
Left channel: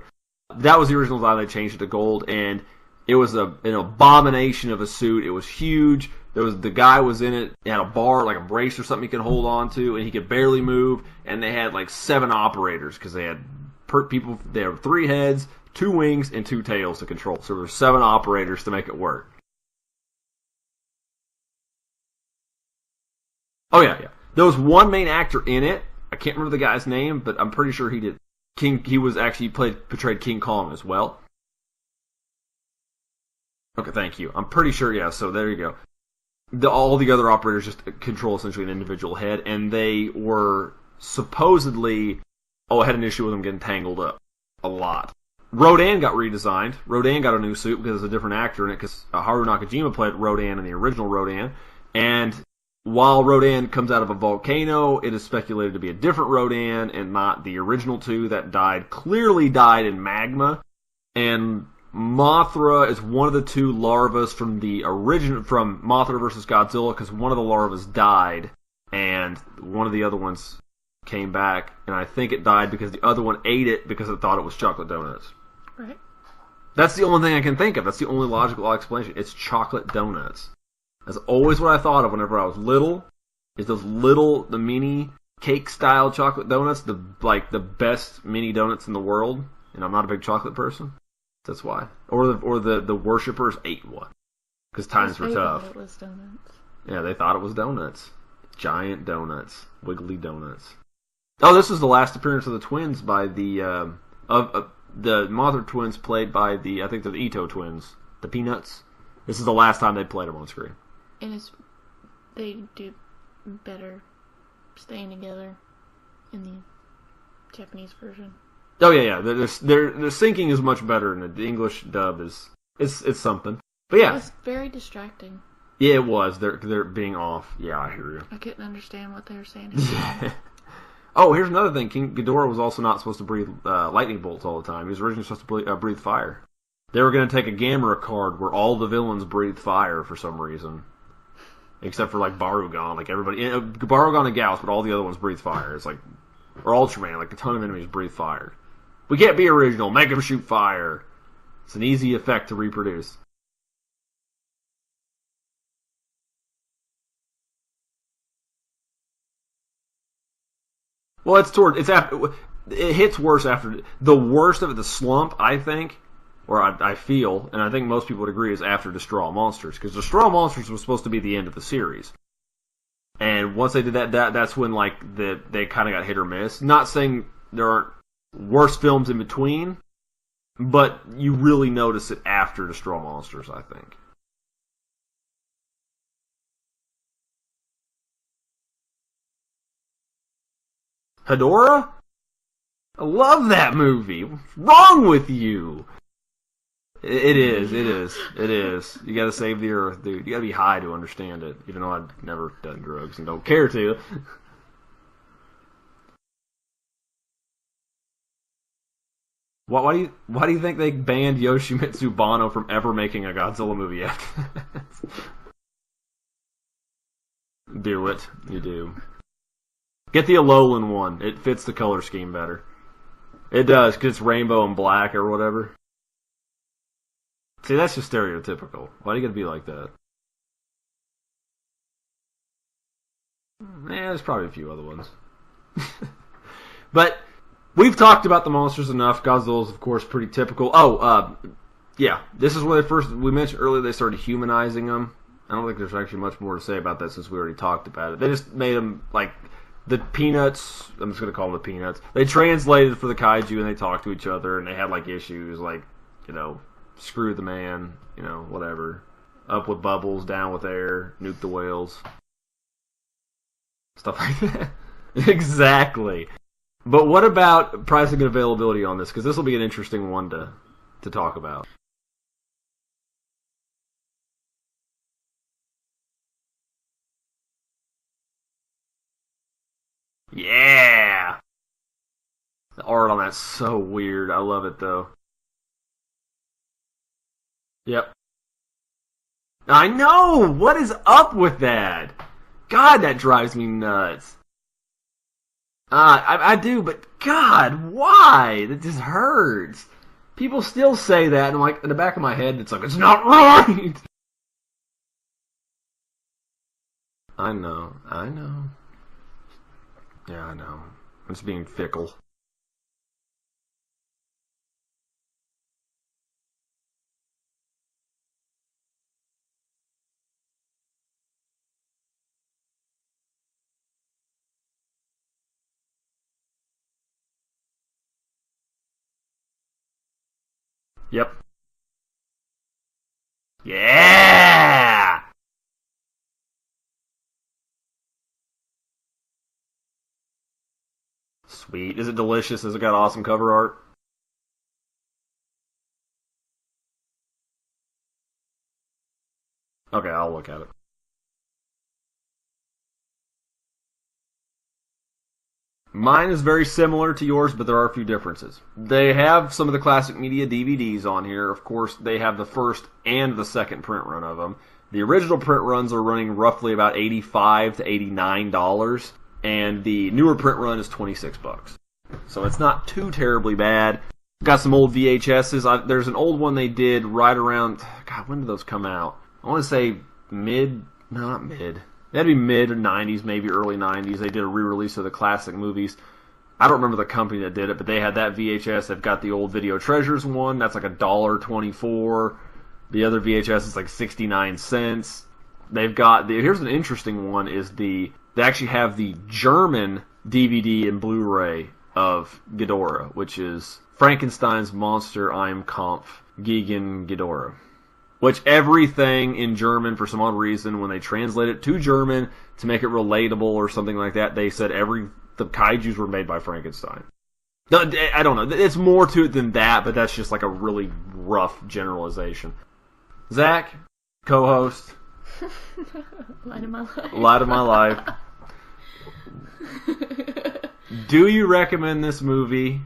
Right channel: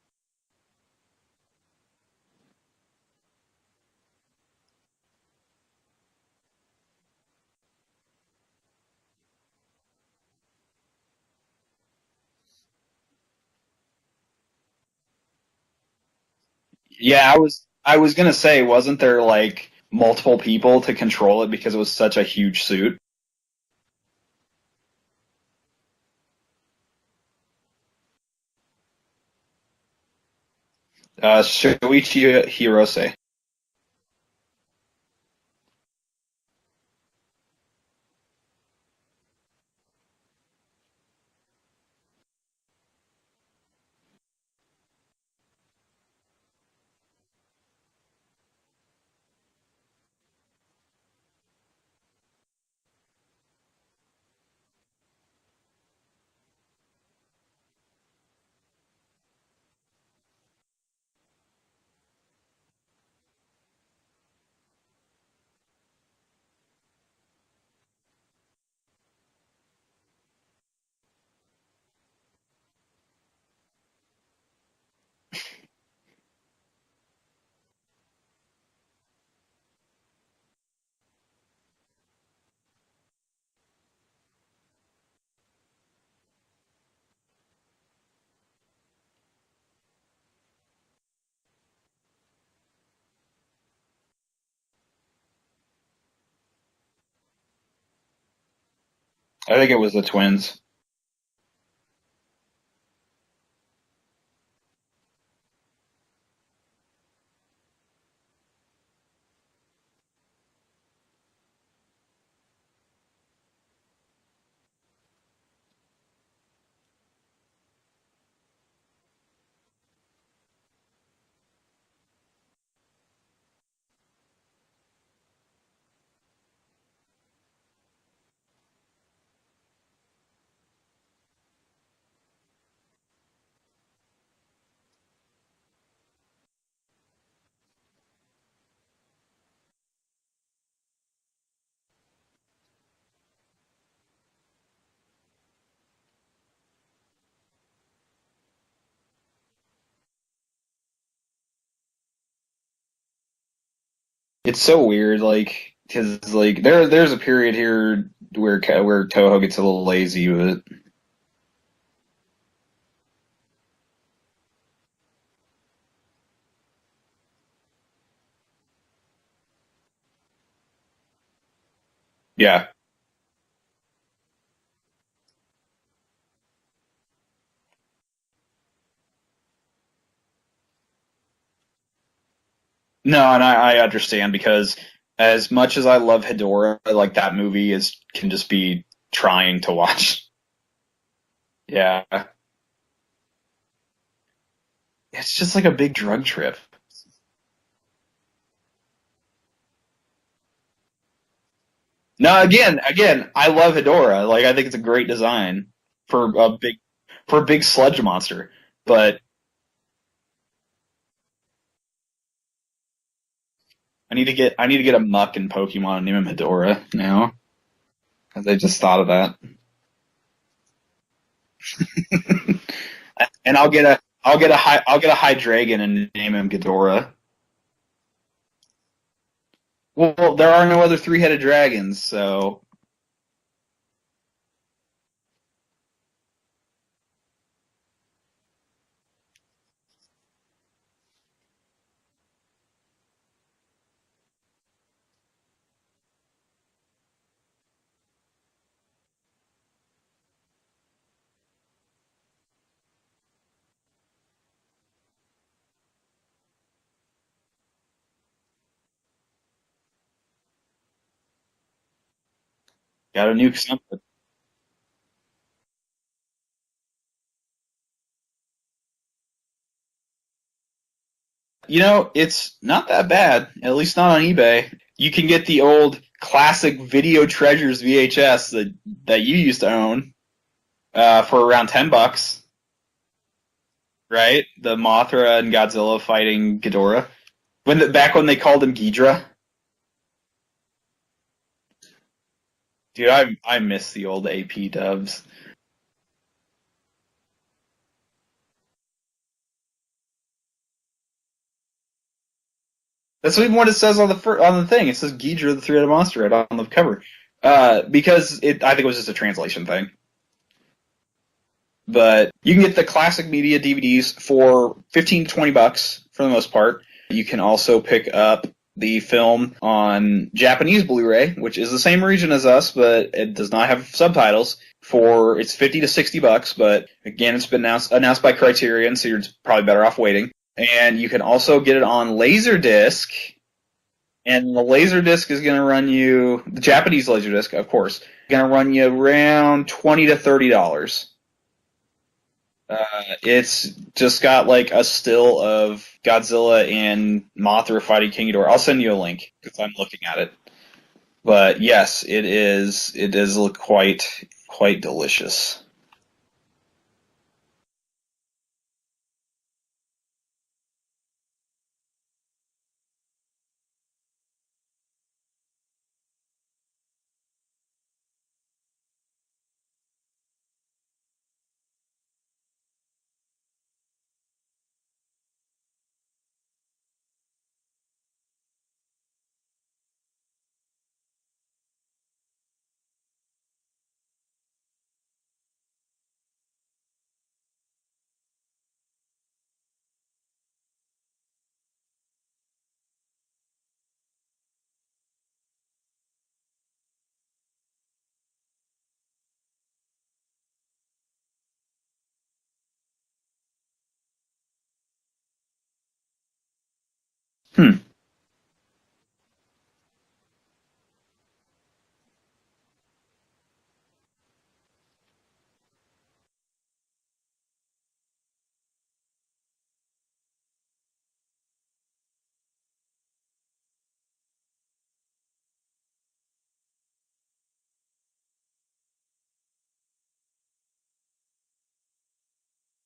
That was the original design. They changed it to gold, and it was an abomination of a suit. It was huge. The guy was in it. He had a bar, like a brace or something he could hold on to, and he could barely move. And they had like 7 operators because they had people. They had 3 heads, 2 wings, and 2 tails. Yeah, I was going to say, wasn't there like multiple people to control it because it was such a huge suit? Oh yeah. There was one main actor in it. I can't remember the guy's name, but I'm pretty sure he did. He was actually portrayed King Kong as well. Shoichi Hirose. Okay, thank you. I'm pretty sure. Yeah. So there you go. All the other operators just control essentially an individual head, and they were supposedly had an issue with them getting tangled up a lot. Rodan got redesigned. Rodan got a new suit because there's a different actor in it, because Haru Nakajima played Rodan in the original Rodan. And while Rodan comes out of a volcano, it is speculated to be a different Rodan and not the original 2 that clearly died in magma. And Mothra is one of the 2 larvas from from Mothra vs. Godzilla, because one of the larvas died and one of the other ones came back, and I think it died because the other one ate it because it thought it was chocolate donuts. Right. That's the only thing I can think of. That's the only logical explanation. It's chocolate donuts. That's always what I thought of whenever I was little. Is those the mini cake-style chocolate donuts, the best mini donuts in the world. And I'm not a big chocolate person. That's why. Or the worshippers ate one. Because times were tough. It was donuts. Yeah, they thought it was donuts. Giant donuts. I think it was the twins. Donuts. Oh, this is the last appearance of the twins by the Mothra twins, played by I think they're the Ito twins, the Peanuts. This is the last time they played them on screen. They do better staying together in the Japanese version. Oh yeah. Their syncing is much better, and the English dub it's something. But yeah, it was very distracting. Yeah, it was. They're being off. Yeah, I hear you. I couldn't understand what they were saying. Oh, here's another thing. King Ghidorah was also not supposed to breathe lightning bolts all the time. He was originally supposed to breathe fire. They were going to take a Gamera card where all the villains breathed fire for some reason. Except for, like, Barugon. Like, everybody... Barugon and Gauss, but all the other ones breathe fire. It's like... Or Ultraman. Like, a ton of enemies breathe fire. We can't be original. Make them shoot fire. It's an easy effect to reproduce. It's so weird, like... Because, like, there's a period here where Toho gets a little lazy with it. Well, it hits worse after... The worst of it, the slump, I think... Or I feel, and I think most people would agree, is after Destroy All Monsters. Because Destroy All Monsters was supposed to be the end of the series. Yeah. And once they did that's when, like, they kind of got hit or miss. Not saying there aren't worse films in between, but you really notice it after Destroy All Monsters. No, and I understand, because as much as I love Ghidorah, like, that movie can just be trying to watch. Ghidorah? Yeah. I love that movie. What's wrong with you? It's just like a big drug trip. It is. You gotta save the earth, dude. You gotta be high to understand it. Even though again, I love Ghidorah. Like, I think it's a great design for a big sludge monster. But why do you think they banned Yoshimitsu Banno from ever making a Godzilla movie? I need to get a muck in Pokemon and name him Ghidorah now. Do it. They just thought of that. Get the Alolan one. It fits the color scheme better. And I'll get a Hydreigon and name him Ghidorah. See, that's just stereotypical. Why do you gotta be like that? Well, there are no other 3-headed dragons, so... there's probably a few other ones. But we've talked about the monsters enough. Godzilla's, of course, pretty typical. Yeah. This is where we mentioned earlier they started humanizing them. I don't think there's actually much more to say about that since we already talked about it. They just made them, like... the Peanuts, I'm just going to call them the Peanuts, they translated for the kaiju and they talked to each other and they had like issues like, screw the man, whatever. Up with bubbles, down with air, nuke the whales. Gotta nuke something. Stuff like that. Exactly. But what about pricing and availability on this? Because this will be an interesting one to talk about. It's not that bad, at least not on eBay. You can get the old classic Video Treasures VHS that you used to own. Yeah. For around $10. The art on that's so weird. Right? I love it. Mothra and Godzilla fighting Ghidorah. Back when they called him Ghidorah. I know! What is up with that? God, that drives me nuts. I miss the old AP dubs. I do, but God, why? That just hurts. People still say that, and like in the back of my head, it's like it's not. That's what it says on the thing. It says Ghidorah, the three-headed monster, right on the cover. Because I think it was just a translation thing. Yeah, I know. It's being fickle. But you can get the classic media DVDs for $15 to $20 for the most part. You can also pick up the film on Japanese Blu-ray, which is the same region as us, but it does not have subtitles. It's $50 to $60, but again, it's been announced by Criterion, so you're probably better off waiting. And you can also get it on Laserdisc. Yeah! Laserdisc is going to run you, the Japanese Laserdisc, of course, going to run you around $20 to $30. Sweet. Is it delicious? Has it got awesome cover art? It's just got like a still of Godzilla and Mothra fighting King Ghidorah. I'll send you a link because I'm looking at it. Okay, I'll look at it. But yes, it is. It does look quite delicious. Mine is very similar to yours, but there are a few differences. They have some of the classic media DVDs on here. Of course, they have the first and the second print run of them. The original print runs are running roughly about $85 to $89. And the newer print run is $26. So it's not too terribly bad. Got some old VHSs. There's an old one they did right around... God, when did those come out? I want to say not mid. That'd be mid-90s, maybe early 90s. They did a re-release of the classic movies. I don't remember the company that did it, but they had that VHS. They've got the old Video Treasures one. That's like $1.24. The other VHS is like 69 cents. They've got... Here's an interesting one is They actually have the German DVD and Blu-ray of Ghidorah, which is Frankenstein's Monster Im Kampf gegen Ghidorah. Which everything in German, for some odd reason, when they translate it to German to make it relatable or something like that, they said the kaijus were made by Frankenstein. I don't know. It's more to it than that, but that's just like a really rough generalization. Zach, co-host. Light of my life. Light of my life. Do you recommend this movie?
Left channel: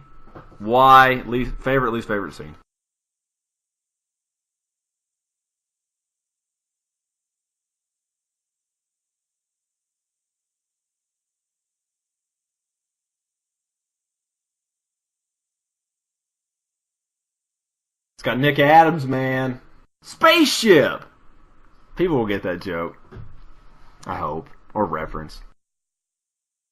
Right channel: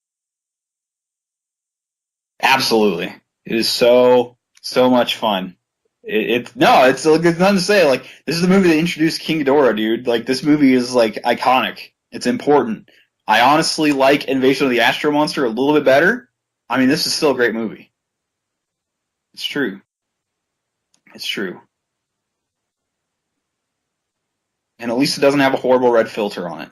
Why? Least favorite scene? Absolutely. It is so much fun. It's nothing to say. Like, this is the movie that introduced King Ghidorah, dude. Like, this movie is like iconic. It's important. I honestly like Invasion of the Astro Monster a little bit better. I mean, this is still a great movie. It's got Nick Adams, man. It's true. Spaceship. It's true. People will get that joke. I hope. And at least it doesn't have a horrible red filter on it.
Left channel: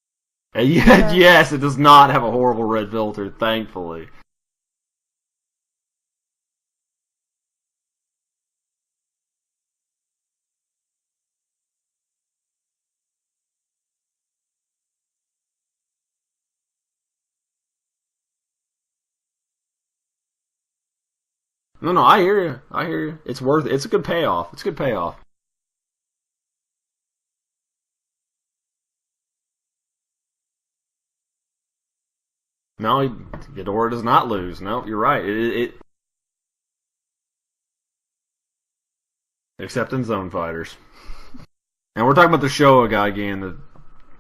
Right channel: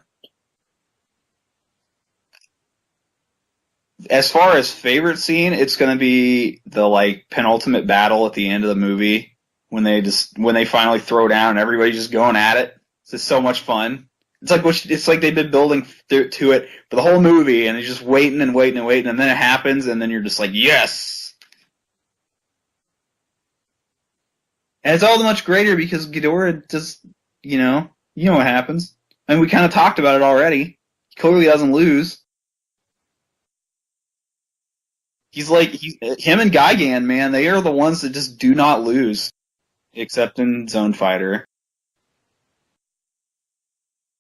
Yes, it does not have a horrible red filter, thankfully. As far as favorite scene, it's going to be the penultimate battle at the end of the movie when they finally throw down and everybody's just going at it. It's just so much fun. It's like they've been building to it for the whole movie, and they're just waiting and waiting and waiting, and then it happens, and then you're just like, yes. No, I hear you. It's worth it. It's a good payoff. And it's all the much greater because Ghidorah just, you know what happens. And we kind of talked about it already. He clearly doesn't lose. No, Ghidorah does not lose. No, you're right. Him and Gigan, man, they are the ones that just do not lose. Except in Zone Fighter. And we're talking about the Showa Gigan, the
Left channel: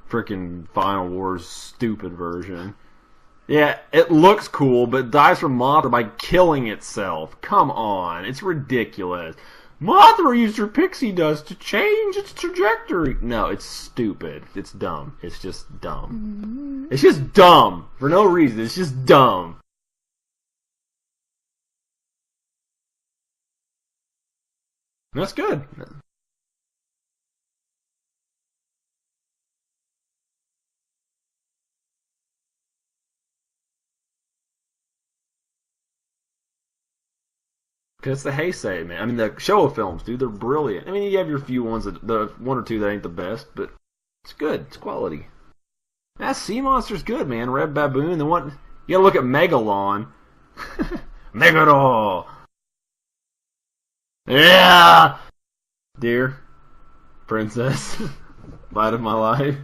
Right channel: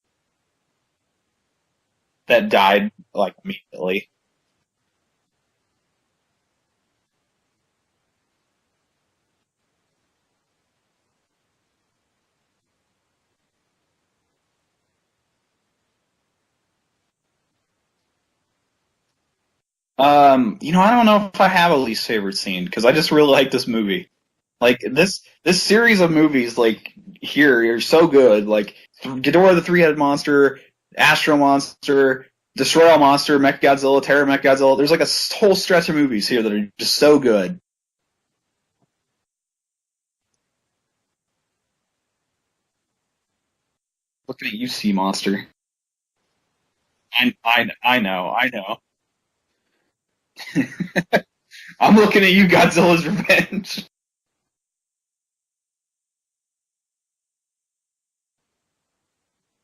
freaking Final Wars stupid version. That died, immediately. Yeah, it looks cool, but dies from Mothra by killing itself. Come on, it's ridiculous. Mothra used her pixie dust to change its trajectory. No, it's stupid. It's dumb. It's just dumb. It's just dumb. For no reason. It's just dumb. I don't know if I have a least favorite scene, because I just really like this movie. This series of movies, here, are so good. Ghidorah the Three-Headed Monster, Astro Monster, Destroy All Monster, Mechagodzilla, Terror Mechagodzilla. There's a whole stretch of movies here that are just so good. Because it's the Heisei, man. I mean, the Showa films, dude, they're brilliant. I mean, you have your few ones, the one or two that ain't the best, but it's good. You see Monster. That sea monster's good, man. I You know. gotta look at Megalon. Megalon. I'm looking at you, Godzilla's Revenge. Yeah! Dear princess, light of my life,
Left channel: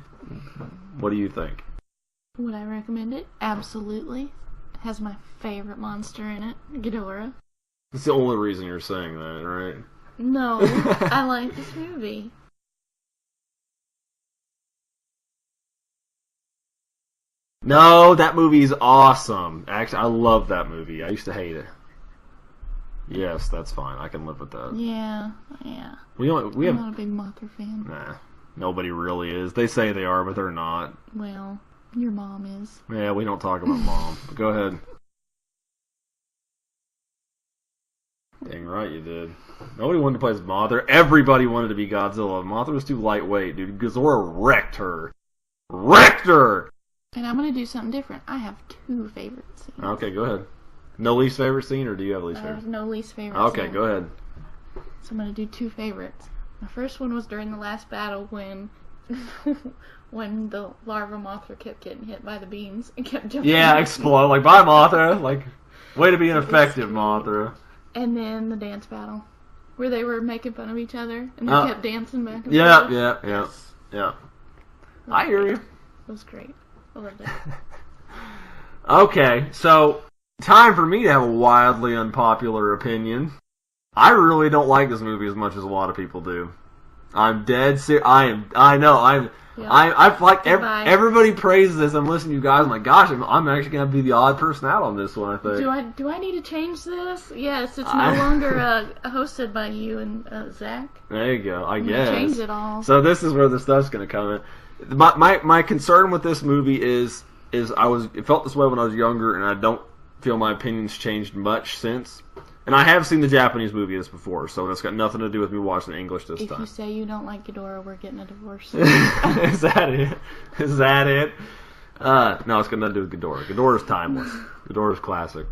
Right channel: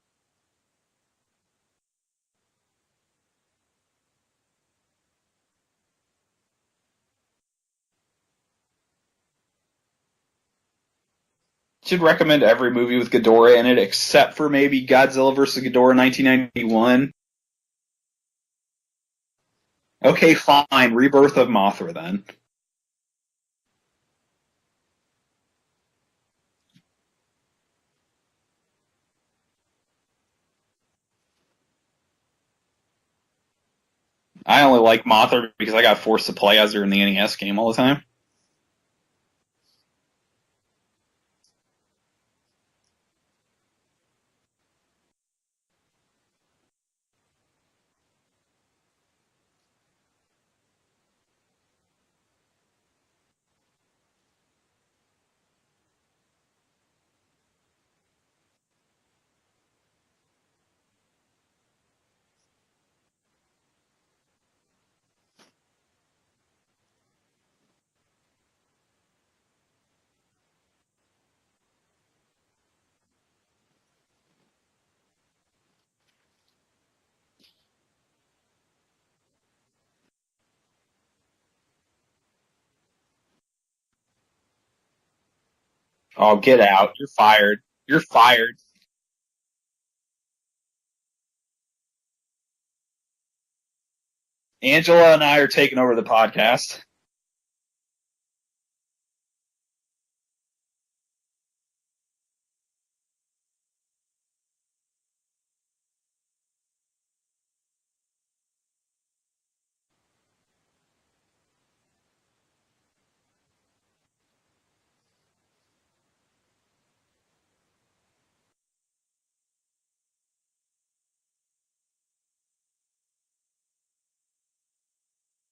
what do you think? Would I recommend it? Absolutely. It has my favorite monster in it, Ghidorah. That's the only reason you're saying that, right? No, I like this movie. Should recommend every movie with Ghidorah in it, except for maybe Godzilla vs. Ghidorah 1991. No, that movie's awesome. Actually, okay, fine. Rebirth of Mothra, then. Yes, that's fine. I can live with that. Yeah. I'm not a big Mothra fan. Nah, nobody really is. They say they are, but they're not. Well, your mom is. Yeah, we don't talk about Mom. Go ahead. I only like Mothra because I got forced to play as her in the NES game all the time. Dang right you did. Nobody wanted to play as Mothra. Everybody wanted to be Godzilla. Mothra was too lightweight, dude. Ghidorah wrecked her. And I'm going to do something different. I have 2 favorite scenes. Okay, go ahead. No least favorite scene, or do you have least favorite? No least favorite Okay, scene. go ahead. So I'm going to do 2 favorites. My first one was during the last battle when when the larva Mothra kept getting hit by the beams and kept jumping. Yeah, explode. Like, bye, Mothra. Like, way to be ineffective, Mothra. And then the dance battle, where they were making fun of each other, and they kept dancing back and forth. Yeah. I hear you. It was great. I loved it. Okay, so time for me to have a wildly unpopular opinion. I really don't like this movie as much as a lot of people do. Oh, get out. You're fired. You're fired. I know. I've like Goodbye. everybody praises this. I'm listening to you guys. I'm like, gosh, I'm actually going to be the odd person. Angela and I are taking over the Do I need to podcast. change this? Yes, it's no longer hosted by you and Zach. There you go. I I'm guess. gonna change it all. So this is where the stuff's going to come in. My concern with this movie is it felt this way when I was younger, and I don't feel my opinions changed much since. And I have seen the Japanese movie this before, so it's got nothing to do with me watching English this time. If you say you don't like Ghidorah, we're getting a divorce. Is that it? No, it's got nothing to do with Ghidorah. Ghidorah's timeless. Ghidorah's classic.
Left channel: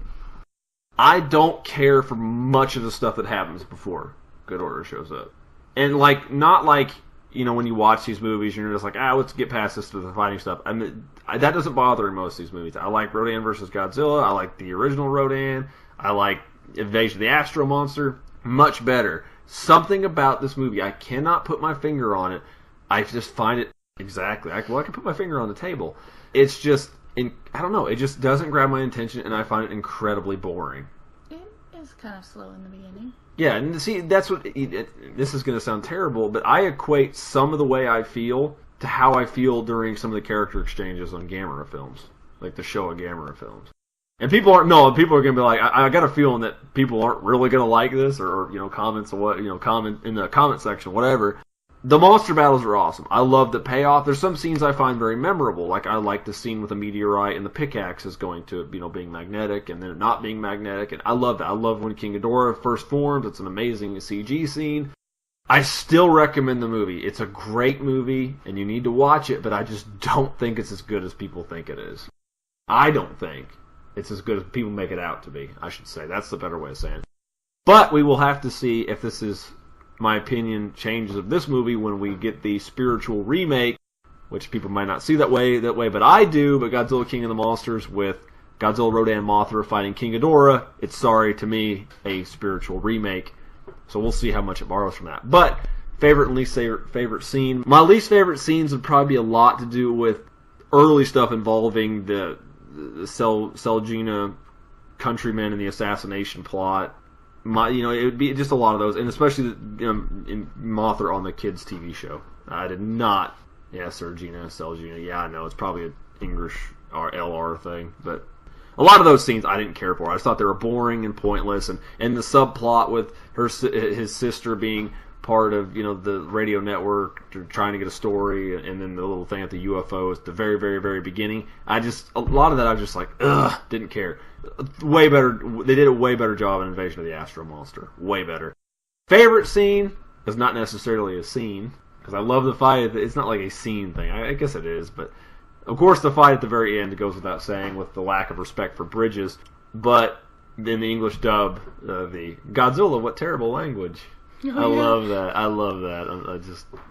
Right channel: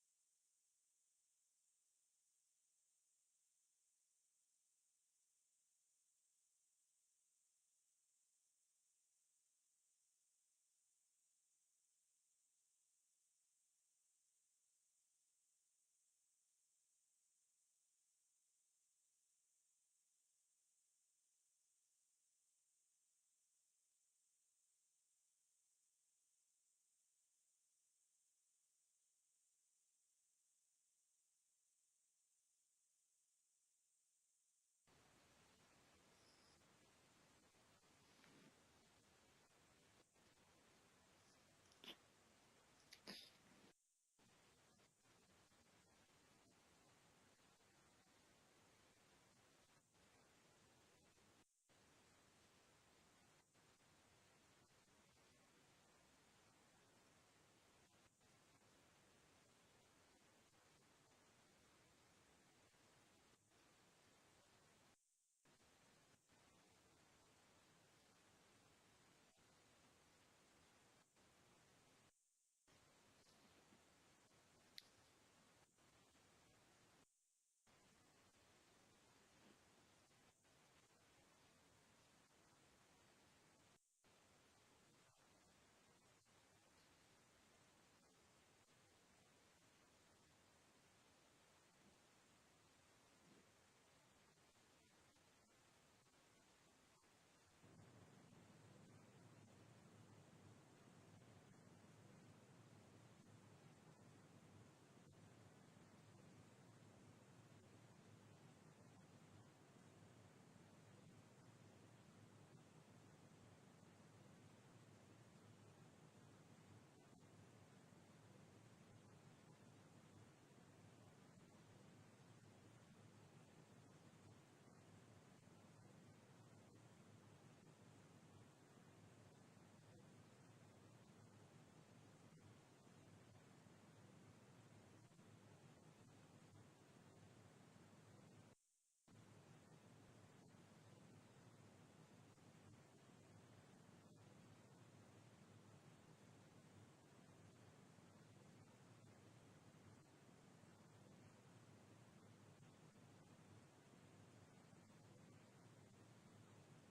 I don't care for much of the stuff that happens before Ghidorah shows up. And, like, not like, you know, when you watch these movies and you're just like, let's get past this to the fighting stuff. I mean, that doesn't bother me most of these movies. I like Rodan vs. Godzilla. I like the original Rodan. I like Invasion of the Astro Monster. Much better. Something about this movie, I cannot put my finger on it. I just find it exactly. I can put my finger on the table. It's just, I don't know. It just doesn't grab my attention, and I find it incredibly boring. It is kind of slow in the beginning. Yeah, and see, that's what. This is going to sound terrible, but I equate some of the way I feel to how I feel during some of the character exchanges on Gamera films, like the Showa Gamera films. And people are going to be like, I got a feeling that people aren't really going to like this, or comments or what, comment in the comment section, whatever. The monster battles are awesome. I love the payoff. There's some scenes I find very memorable. Like, I like the scene with the meteorite and the pickaxe is going to, being magnetic and then not being magnetic. And I love that. I love when King Ghidorah first forms. It's an amazing CG scene. I still recommend the movie. It's a great movie, and you need to watch it, but I just don't think it's as good as people think it is. I don't think it's as good as people make it out to be, I should say. That's the better way of saying it. But we will have to see if this is, my opinion, changes of this movie when we get the spiritual remake, which people might not see that way, but I do. But Godzilla King of the Monsters with Godzilla, Rodan, Mothra fighting King Ghidorah, it's, sorry to me, a spiritual remake. So we'll see how much it borrows from that. But favorite and least favorite scene. My least favorite scenes would probably be a lot to do with early stuff involving the Selgina countrymen and the assassination plot. It would be just a lot of those, and especially in Mothra on the kids' TV show. I did not. Yeah, Selgina. Yeah, I know it's probably an English or LR thing, but a lot of those scenes I didn't care for. I just thought they were boring and pointless, and the subplot with his sister being part of the radio network trying to get a story, and then the little thing at the UFO at the very, very, very beginning. A lot of that I was just like, didn't care. Way better. They did a way better job in Invasion of the Astro Monster. Way better. Favorite scene is not necessarily a scene, because I love the fight. It's not like a scene thing. I guess it is, but of course the fight at the very end goes without saying with the lack of respect for bridges. But in the English dub, the Godzilla, what terrible language. I love that.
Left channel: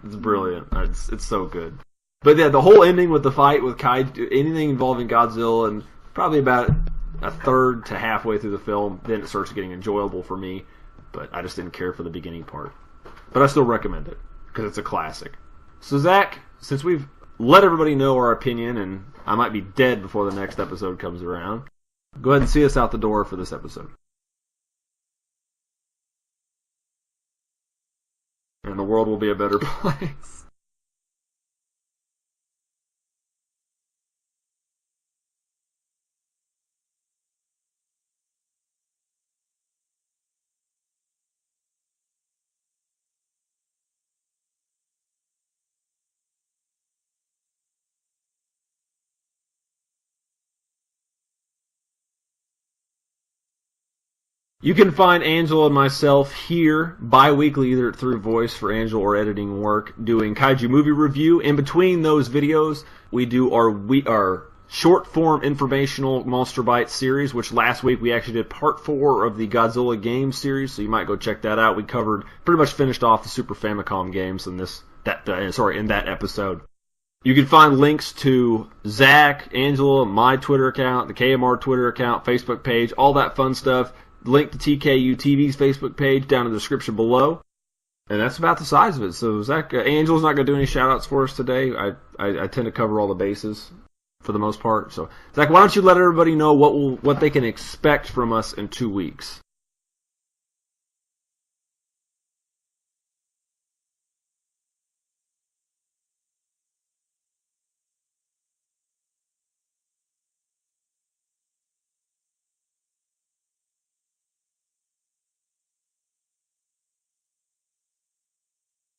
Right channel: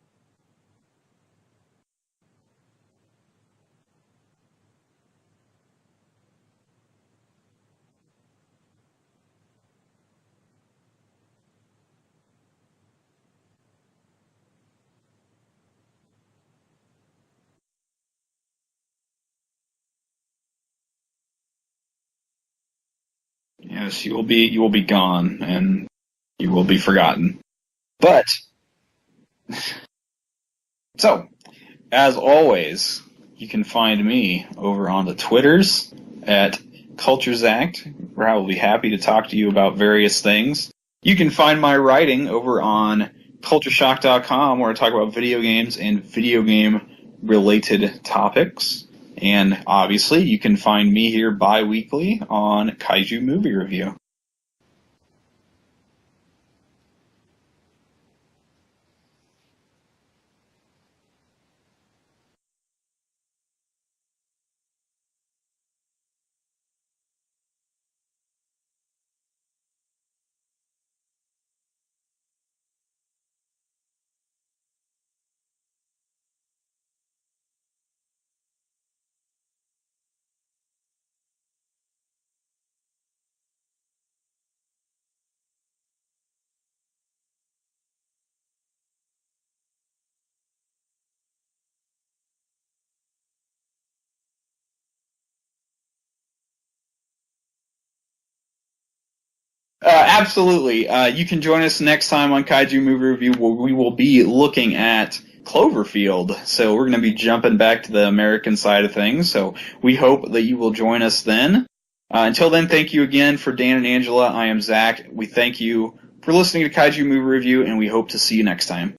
It's brilliant. It's so good. But yeah, the whole ending with the fight with Kaiju, anything involving Godzilla, and probably about a third to halfway through the film, then it starts getting enjoyable for me. But I just didn't care for the beginning part. But I still recommend it, because it's a classic. So Zach, since we've let everybody know our opinion, and I might be dead before the next episode comes around, go ahead and see us out the door for this episode. Yes, you will be gone, and you will be forgotten. And the world will be a better place. So, as always, you can find me over on the Twitters at CultureZact, where I will be happy to talk to you about various things. You can find my writing over on CultureShock.com, where I talk about video games and video game-related topics. And obviously, you can find me here bi-weekly on Kaiju Movie Review. You can find Angela and myself here bi-weekly, either through voice for Angela or editing work, doing Kaiju Movie Review. In between those videos, we do our short-form informational Monster Bites series, which last week we actually did part 4 of the Godzilla game series, so you might go check that out. We pretty much finished off the Super Famicom games in that episode. You can find links to Zach, Angela, my Twitter account, the KMR Twitter account, Facebook page, all that fun stuff. Link to TKU TV's Facebook page down in the description below. And that's about the size of it. So Zach, Angela's not going to do any shout-outs for us today. I tend to cover all the bases for the most part. So Zach, why don't you let everybody know what they can expect from us in 2 weeks? Absolutely. You can join us next time on Kaiju Movie Review, where we will be looking at Cloverfield. So we're going to be jumping back to the American side of things. So we hope that you will join us then. Until then, thank you again for Dan and Angela. I am Zach. We thank you for listening to Kaiju Movie Review, and we hope to see you next time.